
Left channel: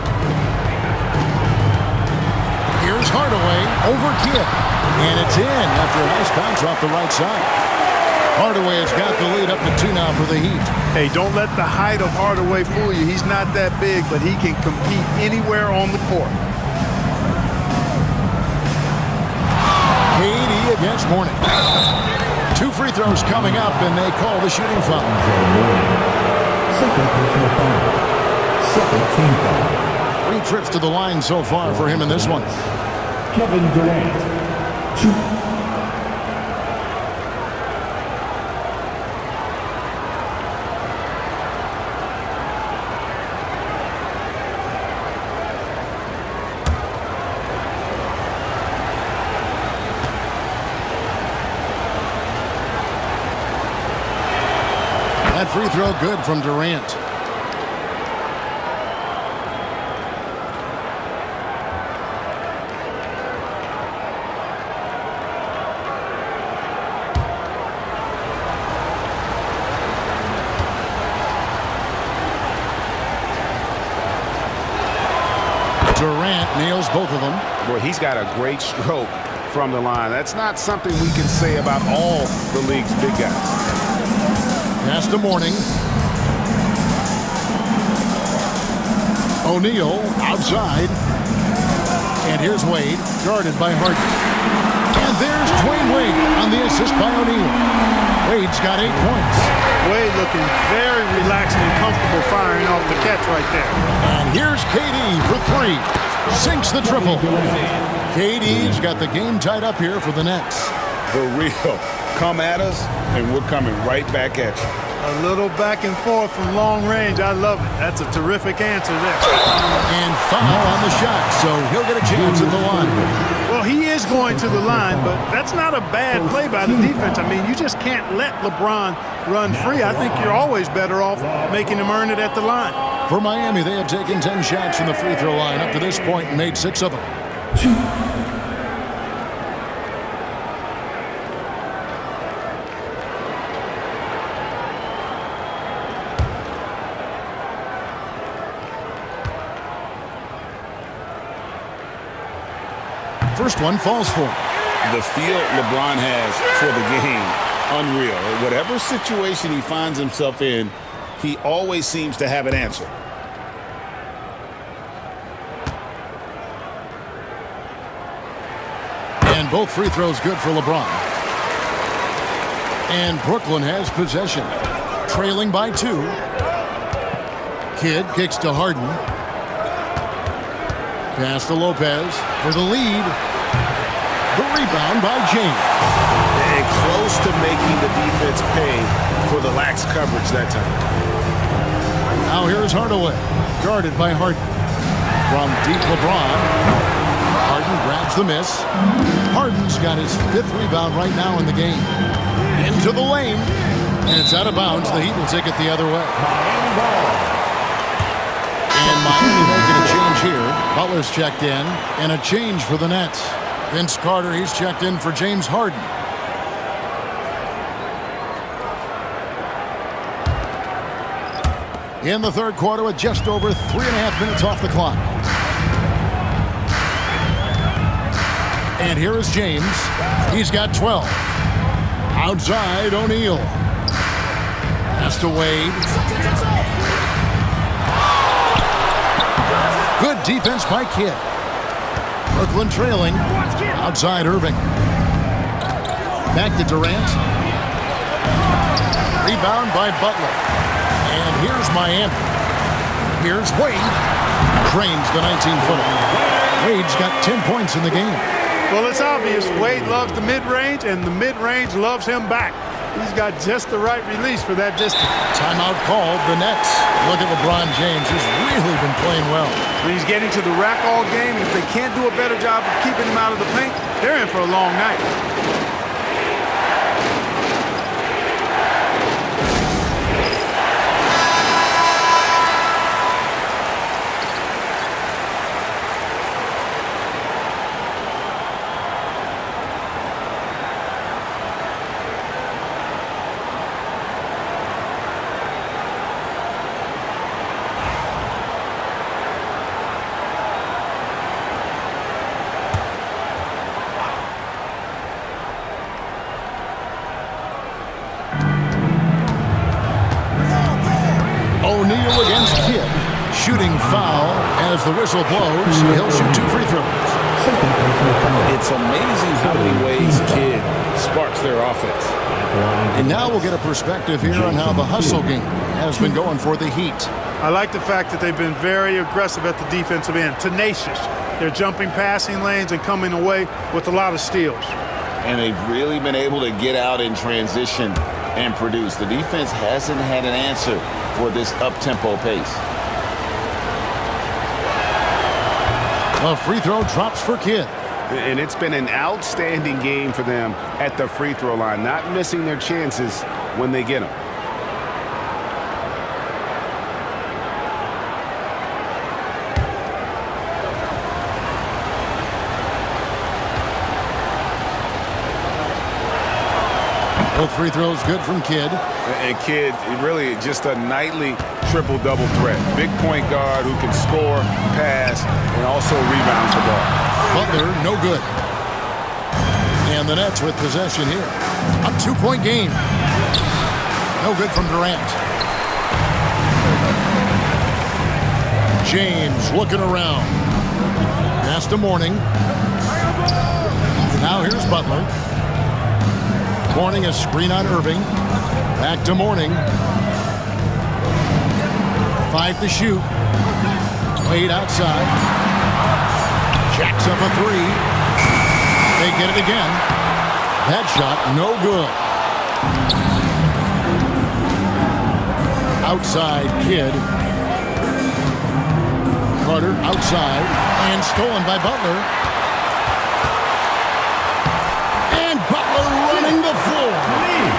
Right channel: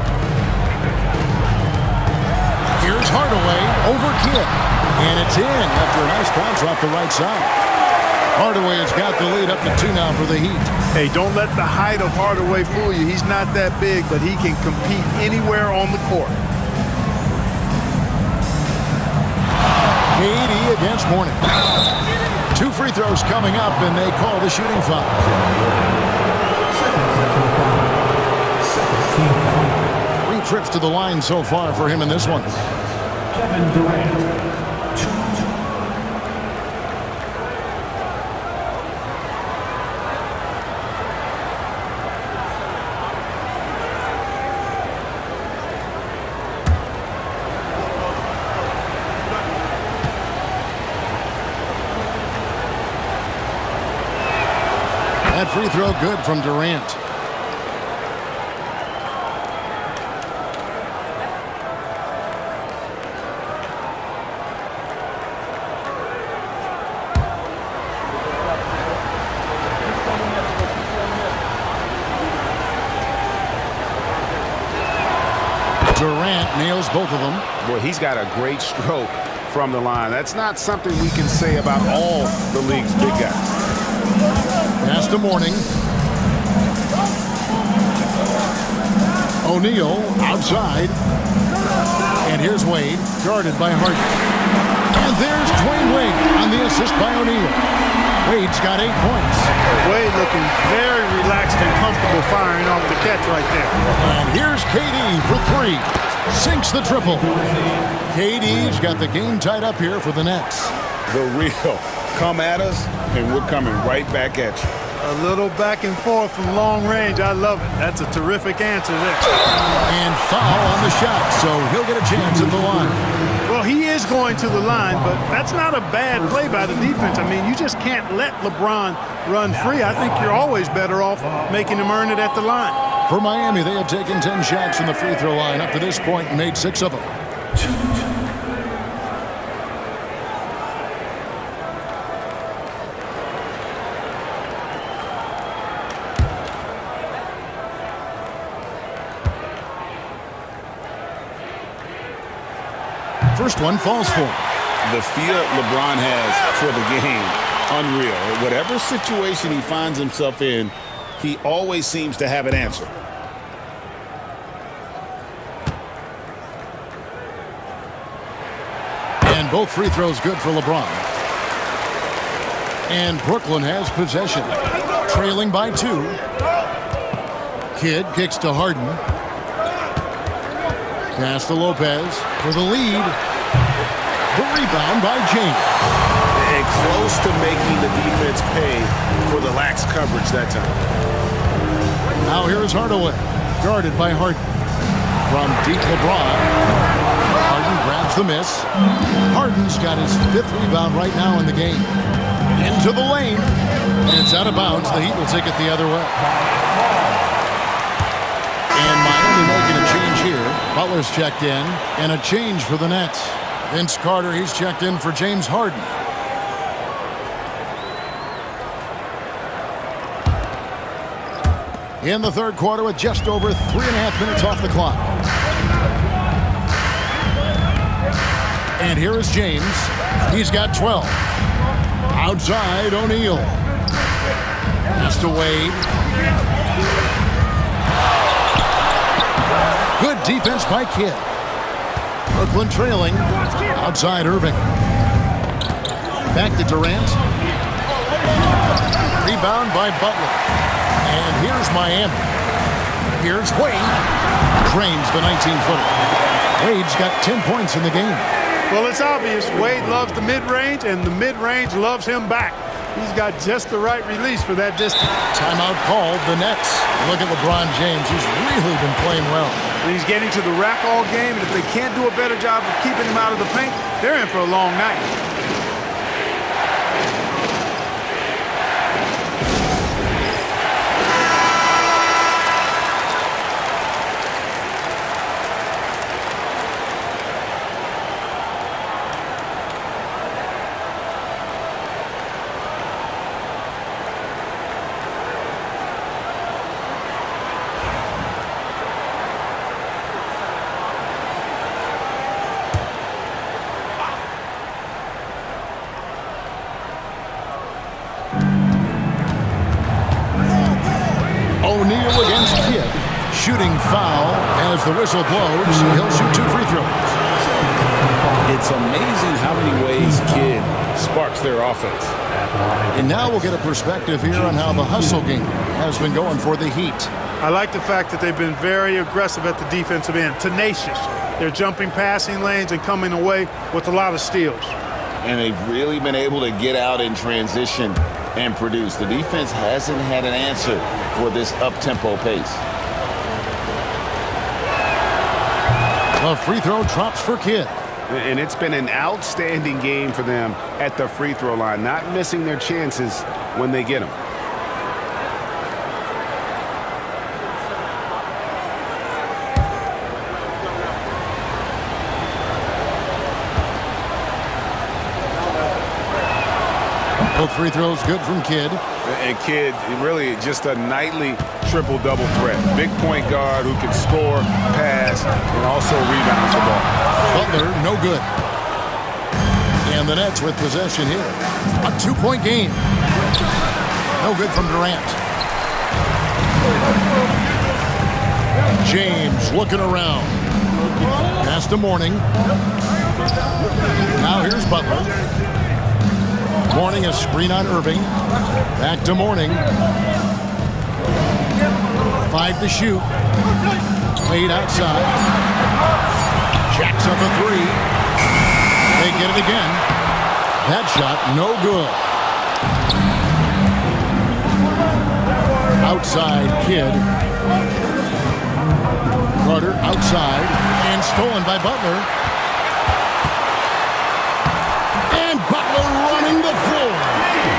Here's Hardaway over Kidd. And it's in after a nice bounce off the right side. Hardaway has got the lead up to 2 now for the Heat. Hey, don't let the height of Hardaway fool you. He's not that big, but he can compete anywhere on the court. KD against Mourning. 2 free throws coming up, and they call the shooting foul. Second personal foul. Second team foul. 3 trips to the line so far for him in this one. Kevin Durant, 2. That free throw good from Durant. Durant nails both of them. Boy, he's got a great stroke from the line. That's not something we can say about all the league's big guys. Pass to Mourning. O'Neal outside. And here's Wade, guarded by Harden. And there's Dwayne Wade on the assist by O'Neal. Wade's got 8 points. Wade looking very relaxed and comfortable firing off the catch right there. And here's KD for 3. Sinks the triple. KD's got the game tied up here for the Nets. The real. Come at us, and we're coming right back at you. A little back and forth from long range. I love it. That's a terrific answer there. And foul on the shot, so he'll get a chance at the line. Well, he is going to the line, but that's not a bad play by the defense. I mean, you just can't let LeBron run free. I think you're always better off making him earn it at the line. For Miami, they have taken 10 shots from the free throw line up to this point and made 6 of them. First one falls for him. The feel LeBron has for the game, unreal. Whatever situation he finds himself in, he always seems to have an answer. And both free throws good for LeBron. And Brooklyn has possession. Trailing by 2. Kidd kicks to Harden. Pass to Lopez for the lead. The rebound by James. And close to making the defense pay for the lax coverage that time. Now here's Hardaway, guarded by Harden. From deep LeBron. Harden grabs the miss. Harden's got his 5th rebound right now in the game. Into the lane. And it's out of bounds. The Heat will take it the other way. And Miami making a change here. Butler's checked in. And a change for the Nets. Vince Carter, he's checked in for James Harden. In the third quarter with just over 3.5 minutes off the clock. And here is James. He's got 12. Outside, O'Neal. Pass to Wade. Good defense by Kidd. Brooklyn trailing. Outside, Irving. Back to Durant. Rebound by Butler. And here's Miami. Here's Wade. Drains the 19-footer. Wade's got 10 points in the game. Well, it's obvious Wade loves the mid-range, and the mid-range loves him back. He's got just the right release for that distance. Timeout called, the Nets. Look at LeBron James. He's really been playing well. And he's getting to the rack all game, and if they can't do a better job of keeping him out of the paint, they're in for a long night. O'Neal against Kidd. Shooting foul as the whistle blows. He'll shoot 2 free throws. It's amazing how many ways Kidd sparks their offense. And now we'll get a perspective here on how the hustle game has been going for the Heat. I like the fact that they've been very aggressive at the defensive end, tenacious. They're jumping passing lanes and coming away with a lot of steals. And they've really been able to get out in transition and produce. The defense hasn't had an answer for this up-tempo pace. The free throw drops for Kidd. And it's been an outstanding game for them at the free throw line, not missing their chances when they get them. Both free throws good from Kidd. And Kidd, really just a nightly triple-double threat. Big point guard who can score, pass, and also rebounds the ball. Butler, no good. And the Nets with possession here. A 2-point game. No good from Durant. James looking around. Pass to Mourning. Now here's Butler. Mourning a screen on Irving. Back to Mourning. 5 to shoot. Wade outside. Jacks up a 3. They get it again. That shot no good. Outside Kidd. Carter outside and stolen by Butler. And Butler running the floor.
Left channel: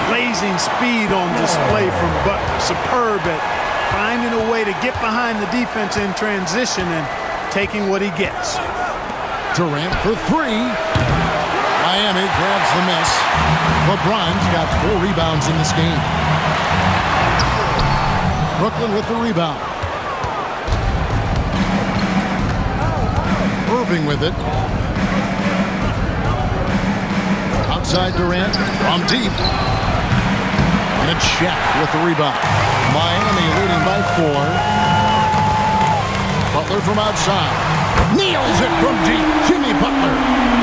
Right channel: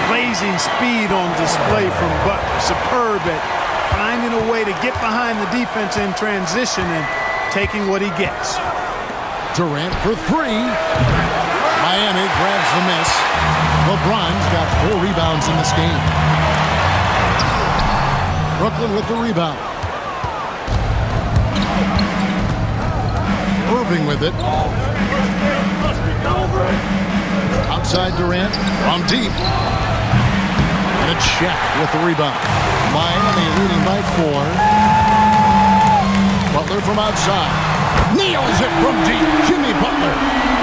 Blazing speed on display from Butler. Superb at finding a way to get behind the defense in transition and taking what he gets. Durant for 3. Miami grabs the miss. LeBron's got 4 rebounds in this game. Brooklyn with the rebound. Irving with it. Outside Durant from deep. And a check with the rebound. Miami leading by 4. Butler from outside. Nails it from deep. Jimmy Butler.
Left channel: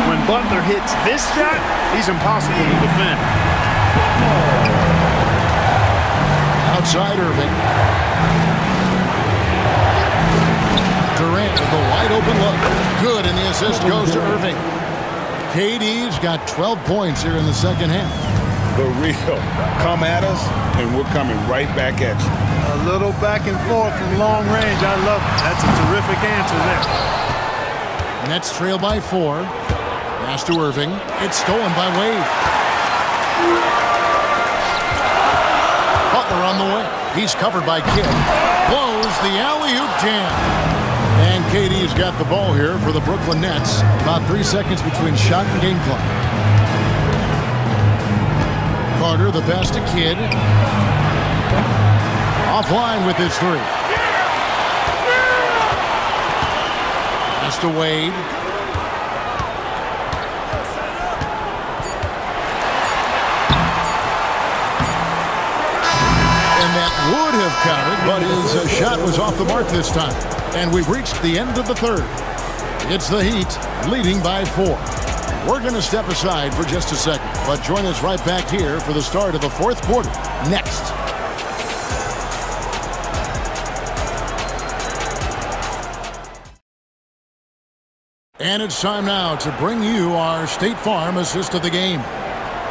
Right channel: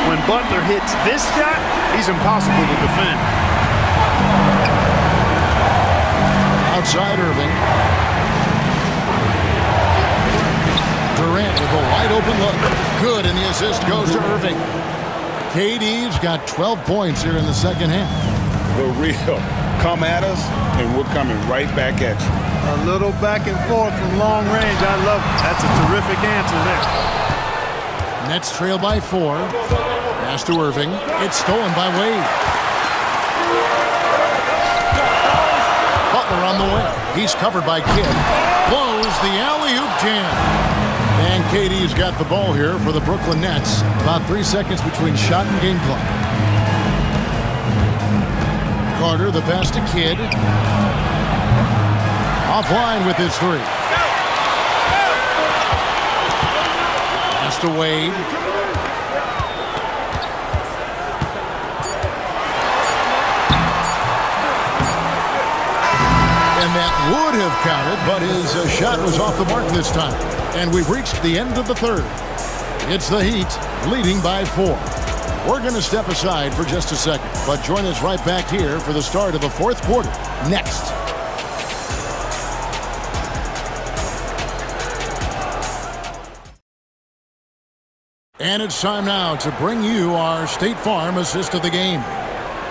When Butler hits this shot, he's impossible to defend. Outside Irving. Durant with a wide open look. Good, and the assist goes to Irving. KD's got 12 points here in the second half. The real come at us, and we're coming right back at you. A little back and forth from long range. I love it. That's a terrific answer there. Nets trail by 4. Pass to Irving. It's stolen by Wade. Butler on the way. He's covered by Kidd. Blows the alley-oop jam. And KD's got the ball here for the Brooklyn Nets. About 3 seconds between shot and game clock. Carter, the pass to Kidd. Offline with his 3. Pass to Wade. And that would have counted, but his shot was off the mark this time. And we've reached the end of the third. It's the Heat leading by 4. We're going to step aside for just a second, but join us right back here for the start of the fourth quarter next. And it's time now to bring you our State Farm assist of the game.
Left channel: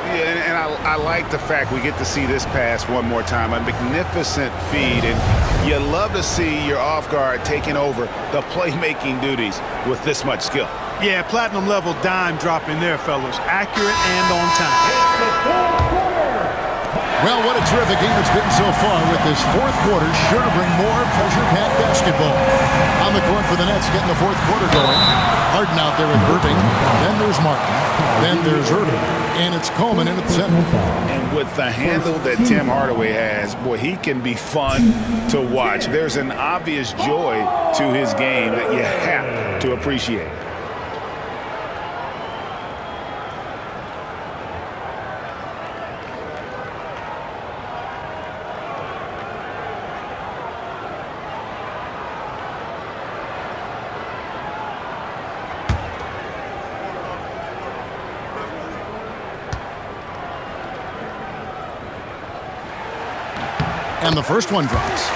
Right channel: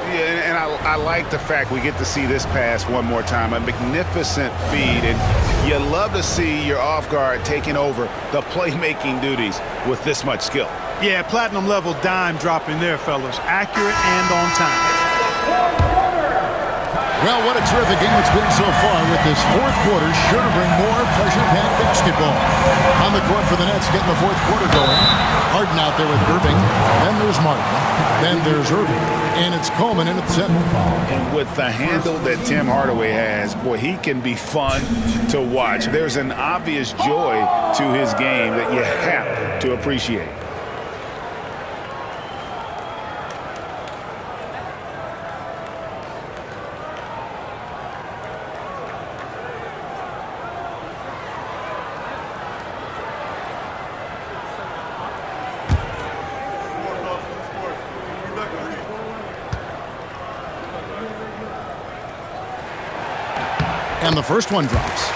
Yeah, and I like the fact we get to see this pass one more time. A magnificent feed, and you love to see your off guard taking over the playmaking duties with this much skill. Yeah, platinum level dime dropping there, fellas. Accurate and on time. Well, what a terrific game it's been so far, with this fourth quarter sure to bring more pressure-packed basketball. On the court for the Nets, getting the fourth quarter going. Harden out there with Irving. Then there's Martin. Then there's Irving. And it's Coleman in at the center. And with the handle that Tim Hardaway has, boy, he can be fun to watch. There's an obvious joy to his game that you have to appreciate. And the first one drops.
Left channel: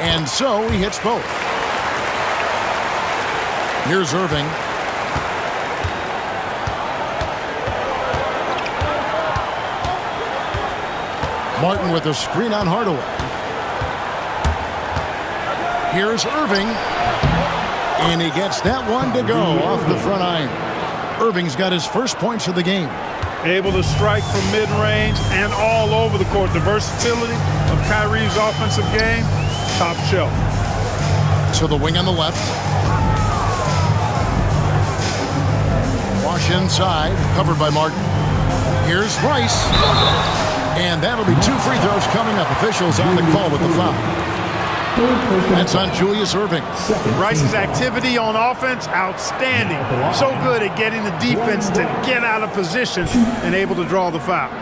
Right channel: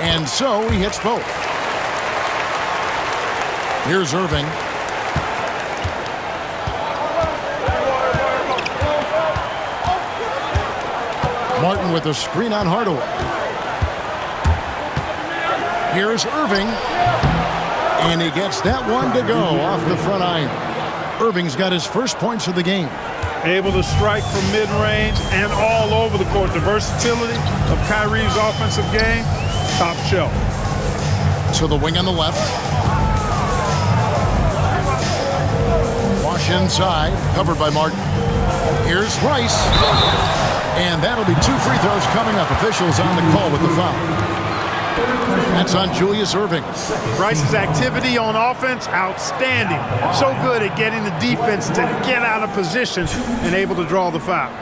And so he hits both. Here's Irving. Martin with a screen on Hardaway. Here's Irving. And he gets that one to go off the front iron. Irving's got his first points of the game. Able to strike from mid-range and all over the court. The versatility of Kyrie's offensive game, top shelf. To the wing on the left. Wash inside, covered by Martin. Here's Rice. And that'll be 2 free throws coming up. Officials on the call with the foul. That's on Julius Irving. Rice's activity on offense, outstanding. So good at getting the defense to get out of position and able to draw the foul.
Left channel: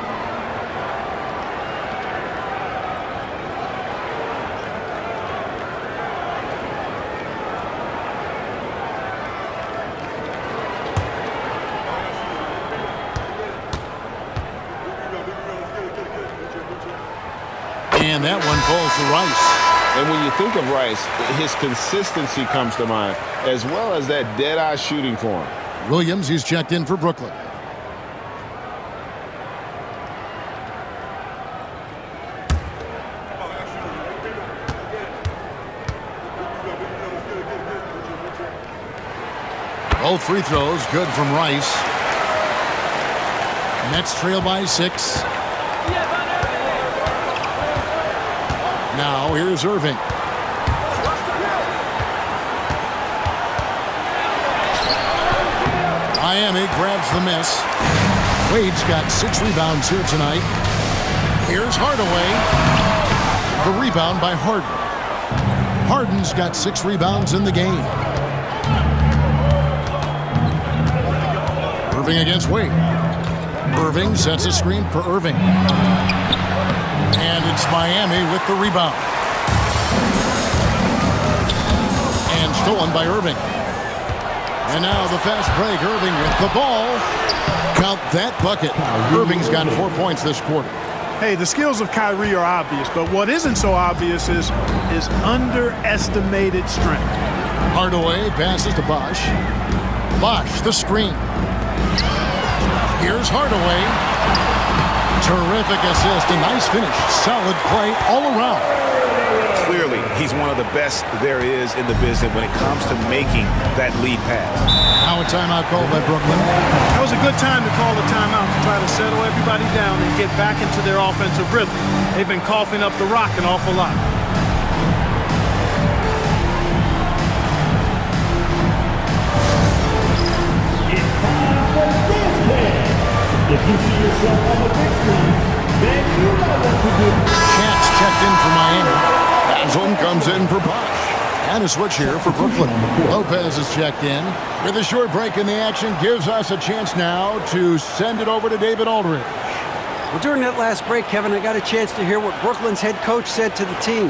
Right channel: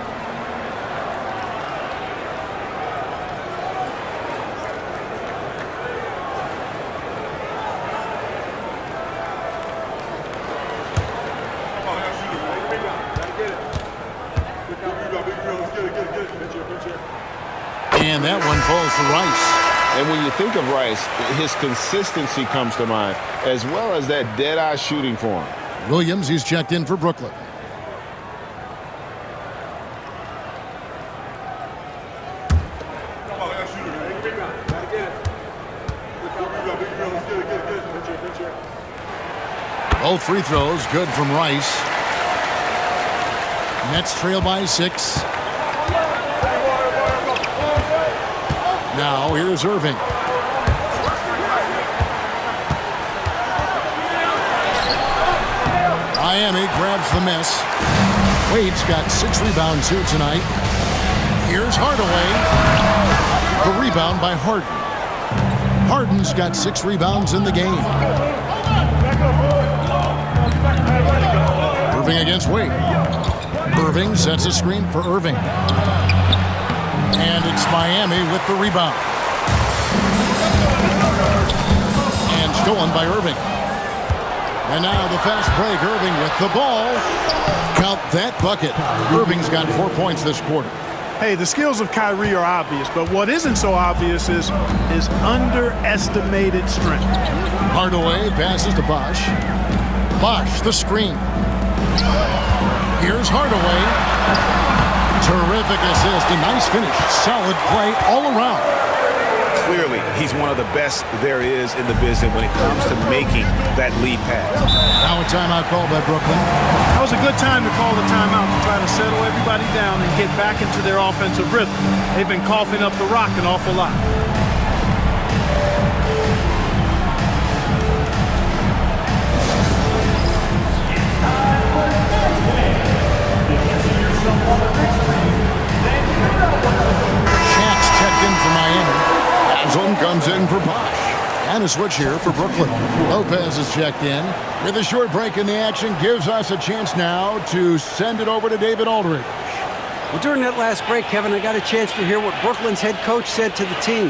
And that one falls to Rice. And when you think of Rice, his consistency comes to mind, as well as that dead-eye shooting form. Williams, he's checked in for Brooklyn. Both free throws good from Rice. Nets trail by 6. Now here's Irving. Miami grabs the miss. Wade's got 6 rebounds here tonight. Here's Hardaway. The rebound by Harden. Harden's got 6 rebounds in the game. Irving against Wade. Irving sets a screen for Irving. And it's Miami with the rebound. And stolen by Irving. And now the fast break. Irving with the ball. Count that bucket. Irving's got 4 points this quarter. Hey, the skills of Kyrie are obvious, but what isn't so obvious is his underestimated strength. Hardaway passes to Bosh. Bosh, the screen. Here's Hardaway. Terrific assist, a nice finish. Solid play all around. Clearly, he's one of the best there is in the business when it comes to making that lead pass. Now a timeout called by Brooklyn. That was a good time to call the timeout to try to settle everybody down and get back into their offensive rhythm. They've been coughing up the rock an awful lot. yourself on the big screen, then you know what to do. Shaq's checked in for Miami. Haslam comes in for Bosh. And a switch here for Brooklyn. Lopez is checked in. With a short break in the action, gives us a chance now to send it over to David Aldridge. Well, during that last break, Kevin, I got a chance to hear what Brooklyn's head coach said to the team.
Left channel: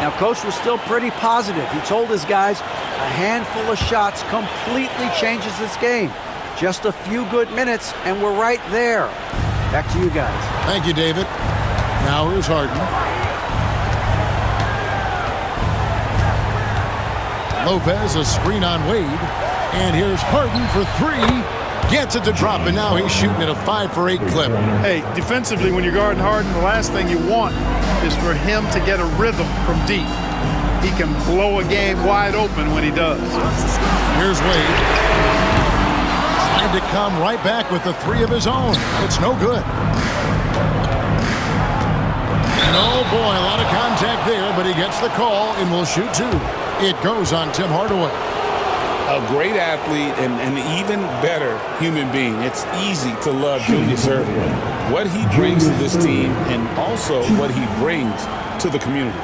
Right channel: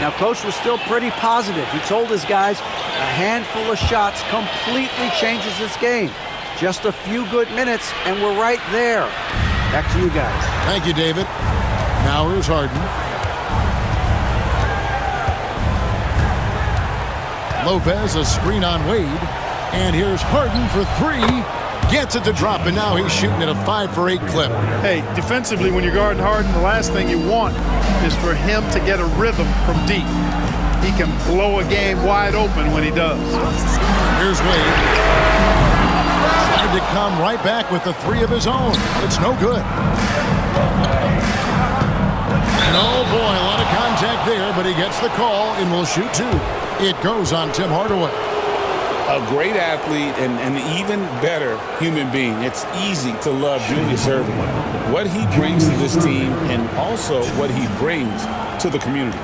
Now, Coach was still pretty positive. He told his guys a handful of shots completely changes this game. Just a few good minutes, and we're right there. Back to you guys. Thank you, David. Now here's Harden. Lopez, a screen on Wade. And here's Harden for three. Gets it to drop, and now he's shooting at a 5 for 8 clip. Hey, defensively, when you're guarding Harden, the last thing you want is for him to get a rhythm from deep. He can blow a game wide open when he does. Here's Wade. Tried to come right back with the three of his own, but it's no good. And oh boy, a lot of contact there, but he gets the call and will shoot two. It goes on Tim Hardaway. A great athlete and an even better human being. It's easy to love Julius Irving. What he brings to this team and also what he brings to the community.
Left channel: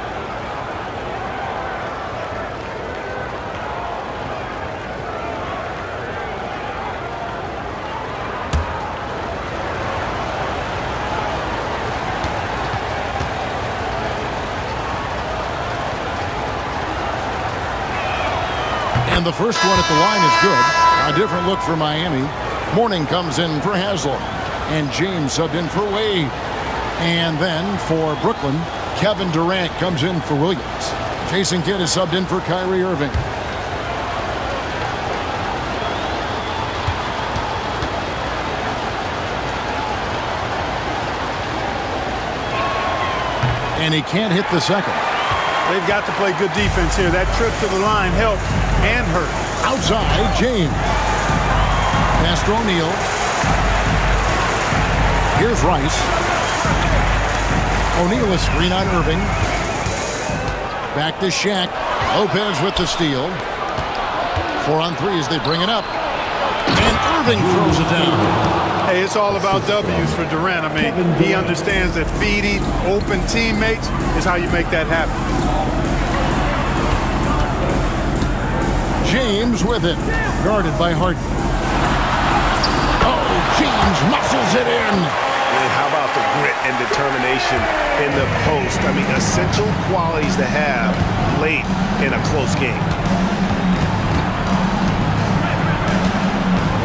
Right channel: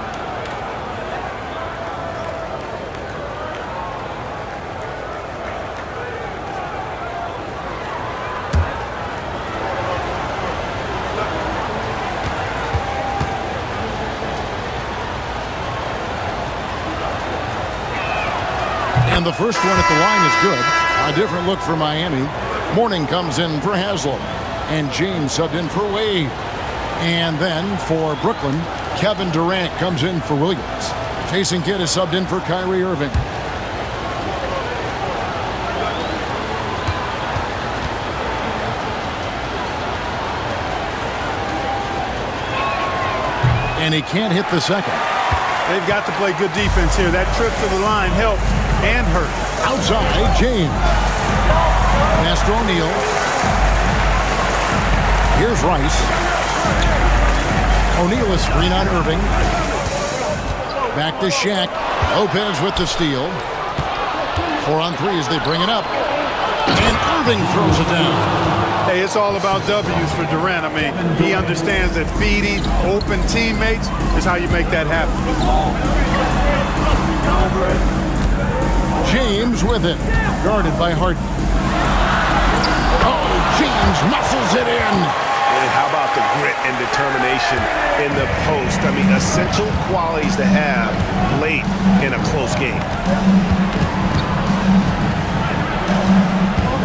And the first one at the line is good. A different look for Miami. Morning comes in for Haslam. And James subbed in for Wade. And then for Brooklyn, Kevin Durant comes in for Williams. Jason Kidd is subbed in for Kyrie Irving. And he can't hit the second. They've got to play good defense here. That trip to the line helped and hurt. Outside, James. Pass to O'Neal. Here's Rice. O'Neal, a screen on Irving. Back to Shaq. Lopez with the steal. 4 on 3 as they bring it up. And Irving throws it down. Hey, it's all about W's for Durant. I mean, he understands that feeding open teammates is how you make that happen. James with it. Guarded by Harden. Oh, James muscles it in. And how about the grit and determination in the post? I mean, essential qualities to have late in a close game.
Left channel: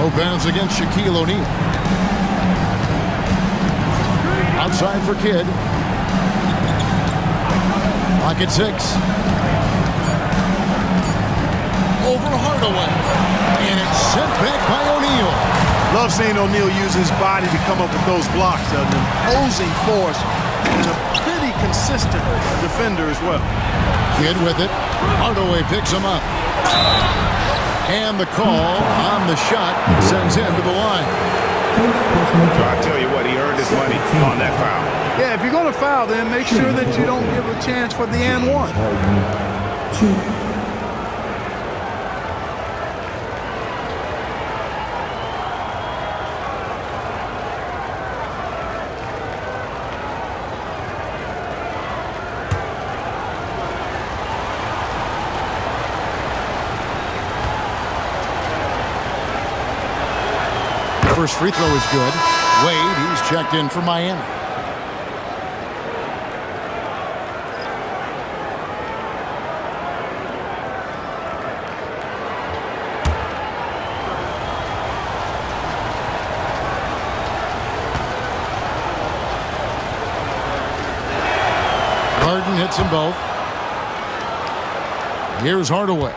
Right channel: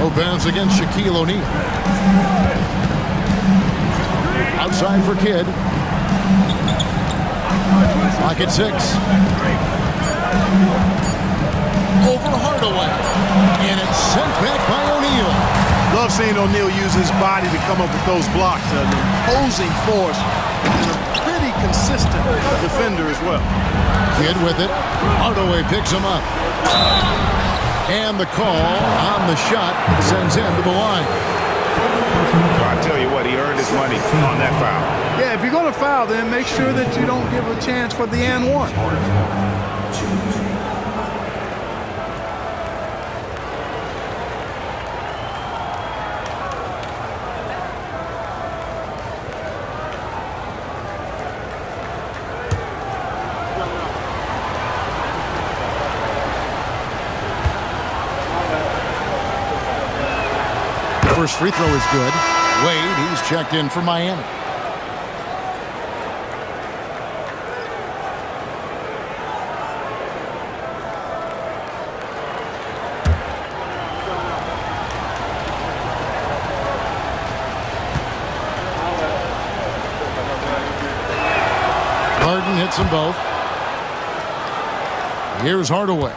Lopez against Shaquille O'Neal. Outside for Kidd. Clock at 6. Over Hardaway. And it's sent back by O'Neal. Love seeing O'Neal use his body to come up with those blocks. An imposing force and a pretty consistent defender as well. Kidd with it. Hardaway picks him up. And the call on the shot sends him to the line. So I tell you what, he earned his money on that foul. Yeah, if you're going to foul, then make sure that you don't give a chance for the and one. First free throw is good. Wade, he's checked in for Miami. Harden hits them both. Here's Hardaway.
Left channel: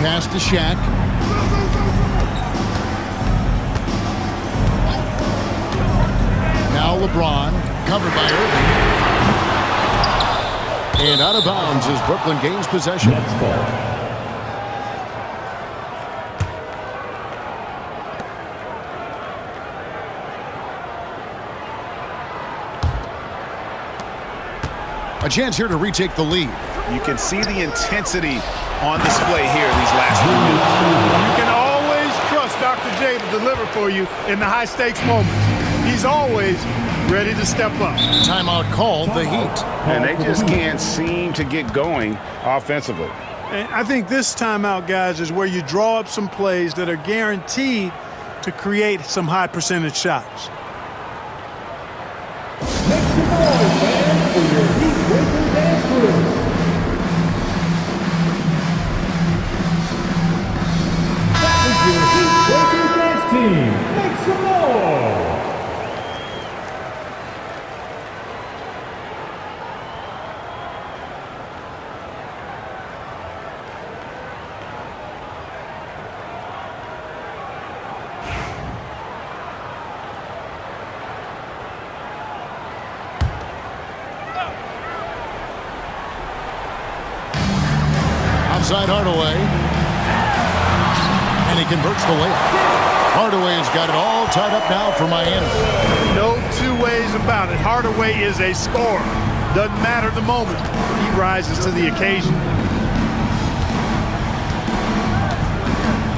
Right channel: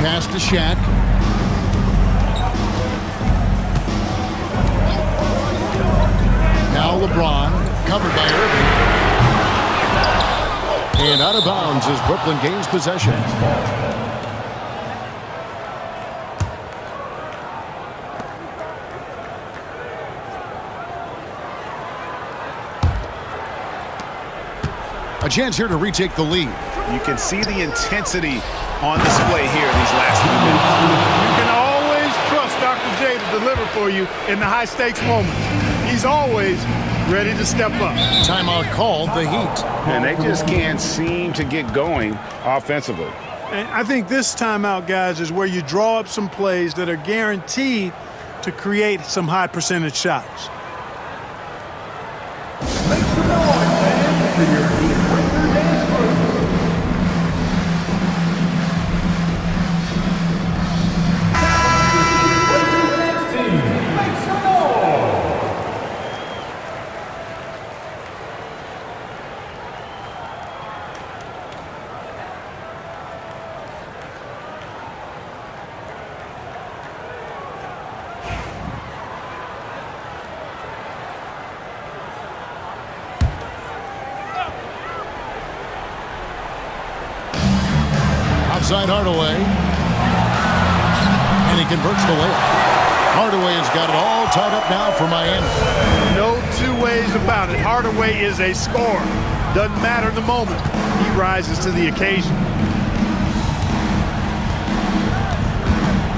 Pass to Shaq. Now LeBron, covered by Irving. And out of bounds as Brooklyn gains possession. A chance here to retake the lead. You can see the intensity on display here these last few minutes. You can always trust Dr. J to deliver for you in the high-stakes moments. He's always ready to step up. Timeout called the Heat. And they just can't seem to get going offensively. And I think this timeout, guys, is where you draw up some plays that are guaranteed to create some high-percentage shots. Make some noise, fans, for your Heat Breaker dance crew. Your Heat Breaker dance team. Make some noise. Outside Hardaway. And he converts the layup. Hardaway has got it all tied up now for Miami. No two ways about it. Hardaway is a scorer. Doesn't matter the moment. He rises to the occasion.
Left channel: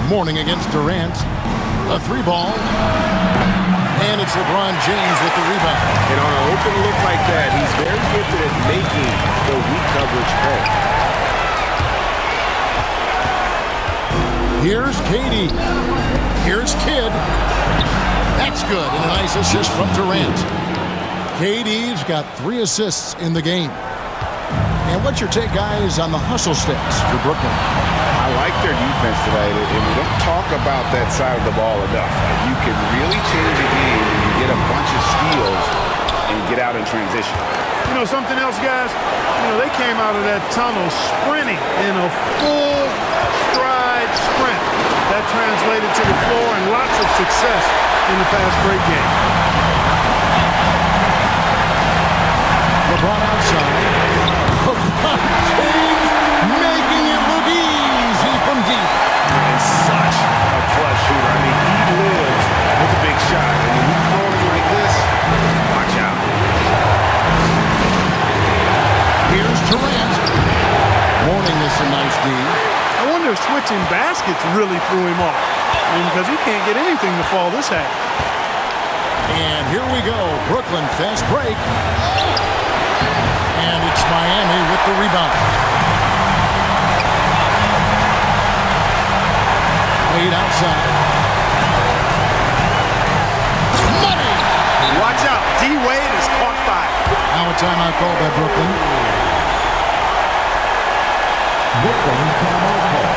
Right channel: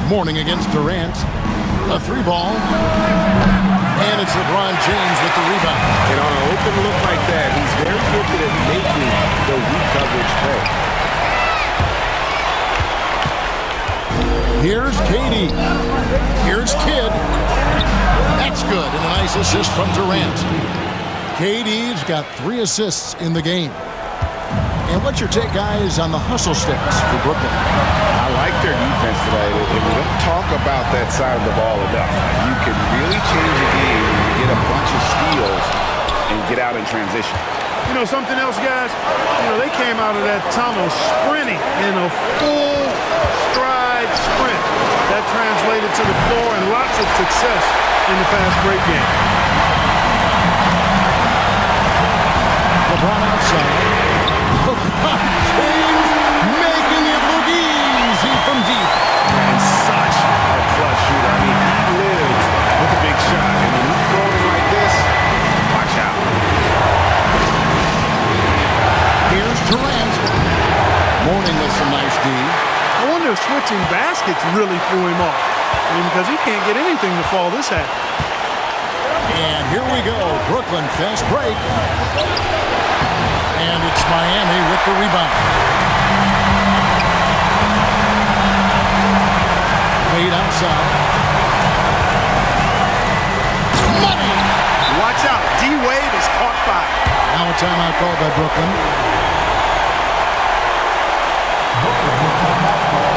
Mourning against Durant. A three ball. And it's LeBron James with the rebound. And on an open look like that, he's very gifted at making the weak coverage pay. Here's Katie. Here's Kidd. That's good. And a nice assist from Durant. KD's got 3 assists in the game. And what's your take, guys, on the hustle stats for Brooklyn? I like their defense today, and we don't talk about that side of the ball enough. You can really change a game when you get a bunch of steals and get out in transition. You know something else, guys? They came out of that tunnel sprinting in a full stride sprint. That translated to the floor and lots of success in the fast break game. LeBron outside. LeBron James making it look easy from deep. And such a clutch shooter. I mean, he lives with a big shot. And when he's throwing it like this, watch out. Here's Durant. Mourning with some nice D. I wonder if switching baskets really threw him off. Because he can't get anything to fall this half. And here we go. Brooklyn fast break. And it's Miami with the rebound. Wade outside. Money! Watch out. D-Wade has caught fire. Now a timeout called by Brooklyn. Brooklyn timeout call.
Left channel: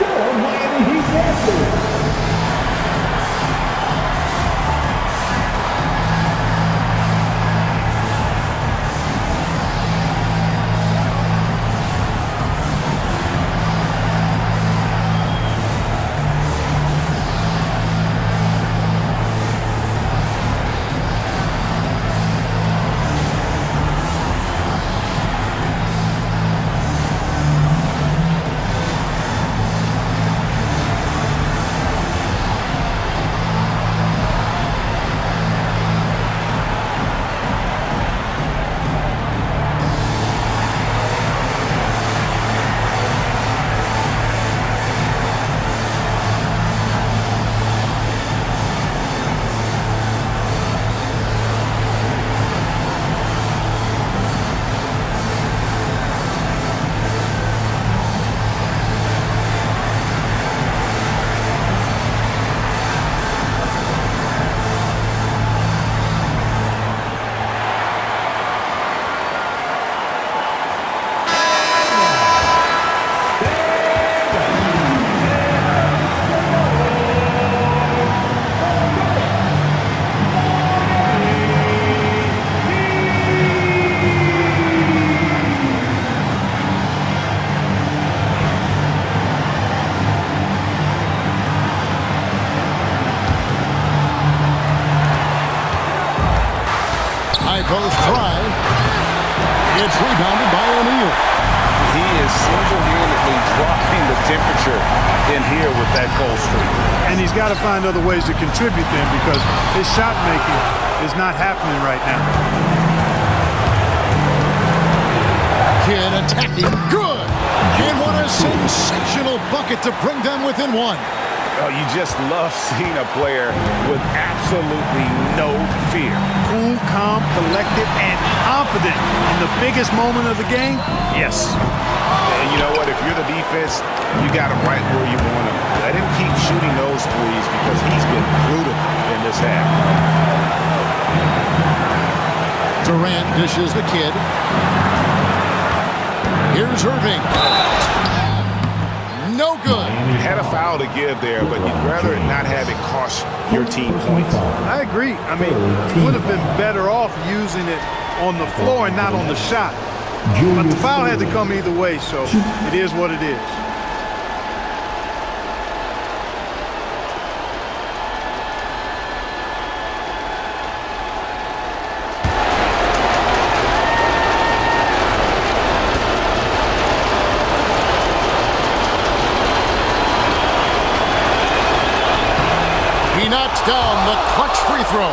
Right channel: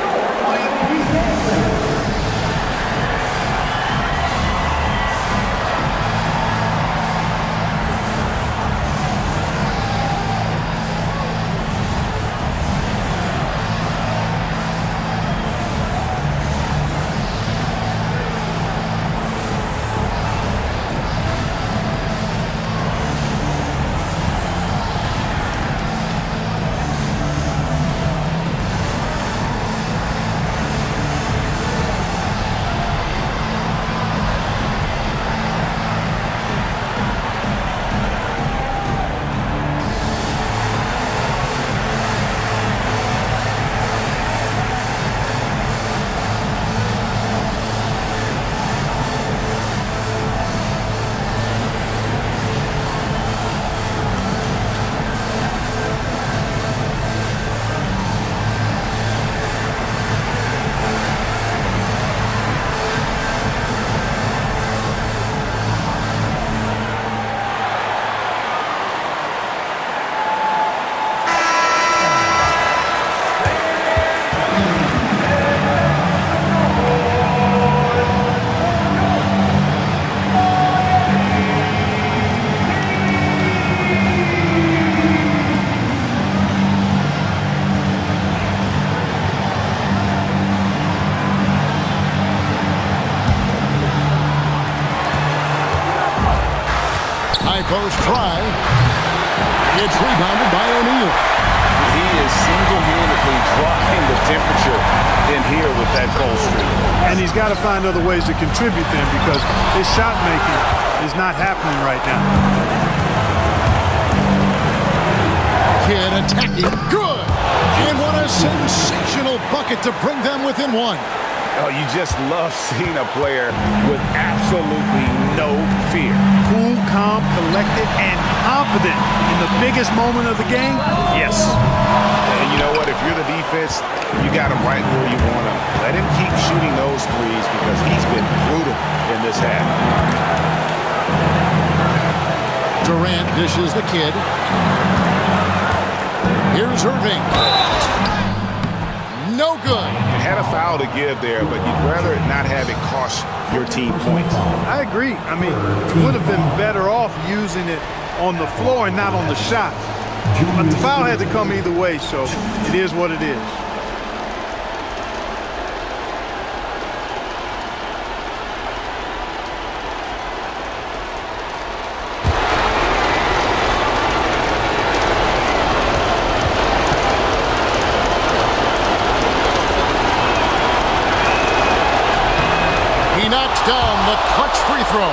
Your Miami Heat dance crew. High post try. It's rebounded by O'Neal. He is single-handedly dropping the temperature in here with that cold streak. And he's got to find other ways to contribute then because his shot making is not happening right now. kid attacking. Good. And what a sensational bucket to bring them within one. Oh, you just love seeing a player with absolutely no fear. Cool, calm, collected, and confident in the biggest moment of the game. Yes. And you know what? If you're the defense, you got him right where you want him. Let him keep shooting those threes because he's been brutal in this half. Durant dishes the kid. Here's Irving. No good. You had a foul to give there, but you'd rather not have it cost your team points. I agree. I mean, you would have been better off using it on the floor and not on the shot. But the foul had to come either way, so it is what it is. He knocks down the clutch free throw.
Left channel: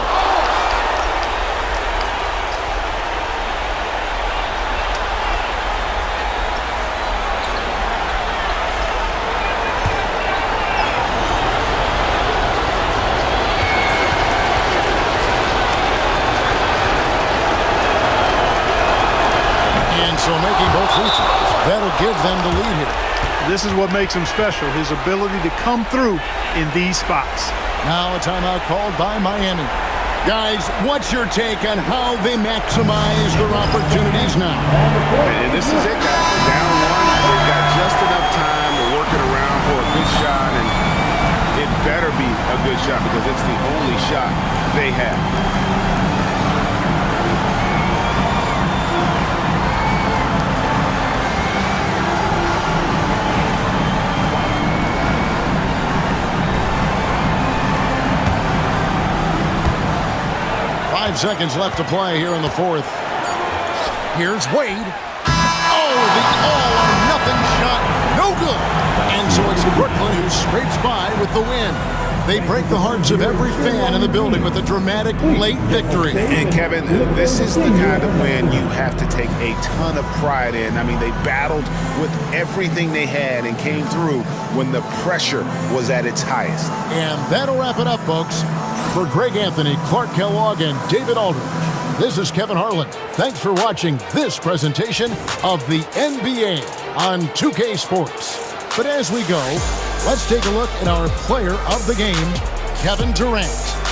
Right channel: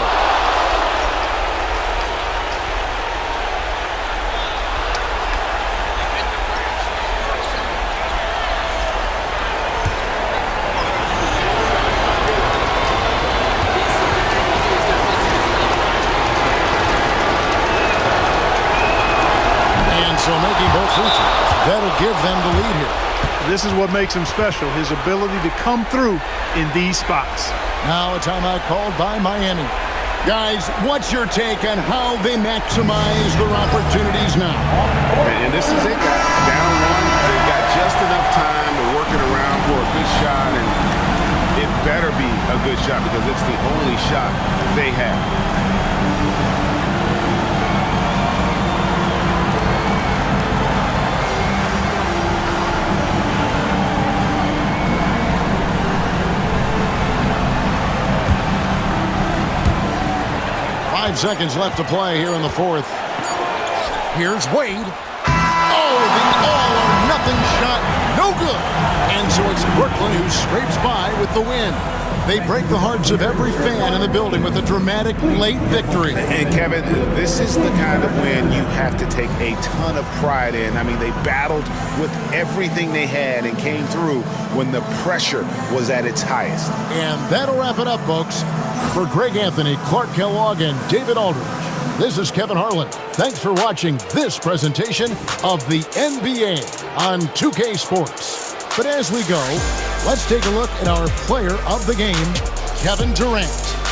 And so making both free throws, that'll give them the lead here. This is what makes him special, his ability to come through in these spots. Now a timeout called by Miami. Guys, what's your take on how they maximize their opportunities now? And this is it, guys. Down one, they've got just enough time to work it around for a good shot, and it better be a good shot because it's the only shot they have. 5 seconds left to play here in the fourth. Here's Wade. Oh, the all-or-nothing shot. No good. And so it's Brooklyn who scrapes by with the win. They break the hearts of every fan in the building with a dramatic late victory. And, Kevin, this is the kind of win you have to take a ton of pride in. I mean, they battled with everything they had and came through when the pressure was at its highest. And that'll wrap it up, folks. For Greg Anthony, Clark Kellogg, and David Aldridge, this is Kevin Harlan. Thanks for watching this presentation of the NBA on 2K Sports. But as we go, let's take a look at our player of the game, Kevin Durant.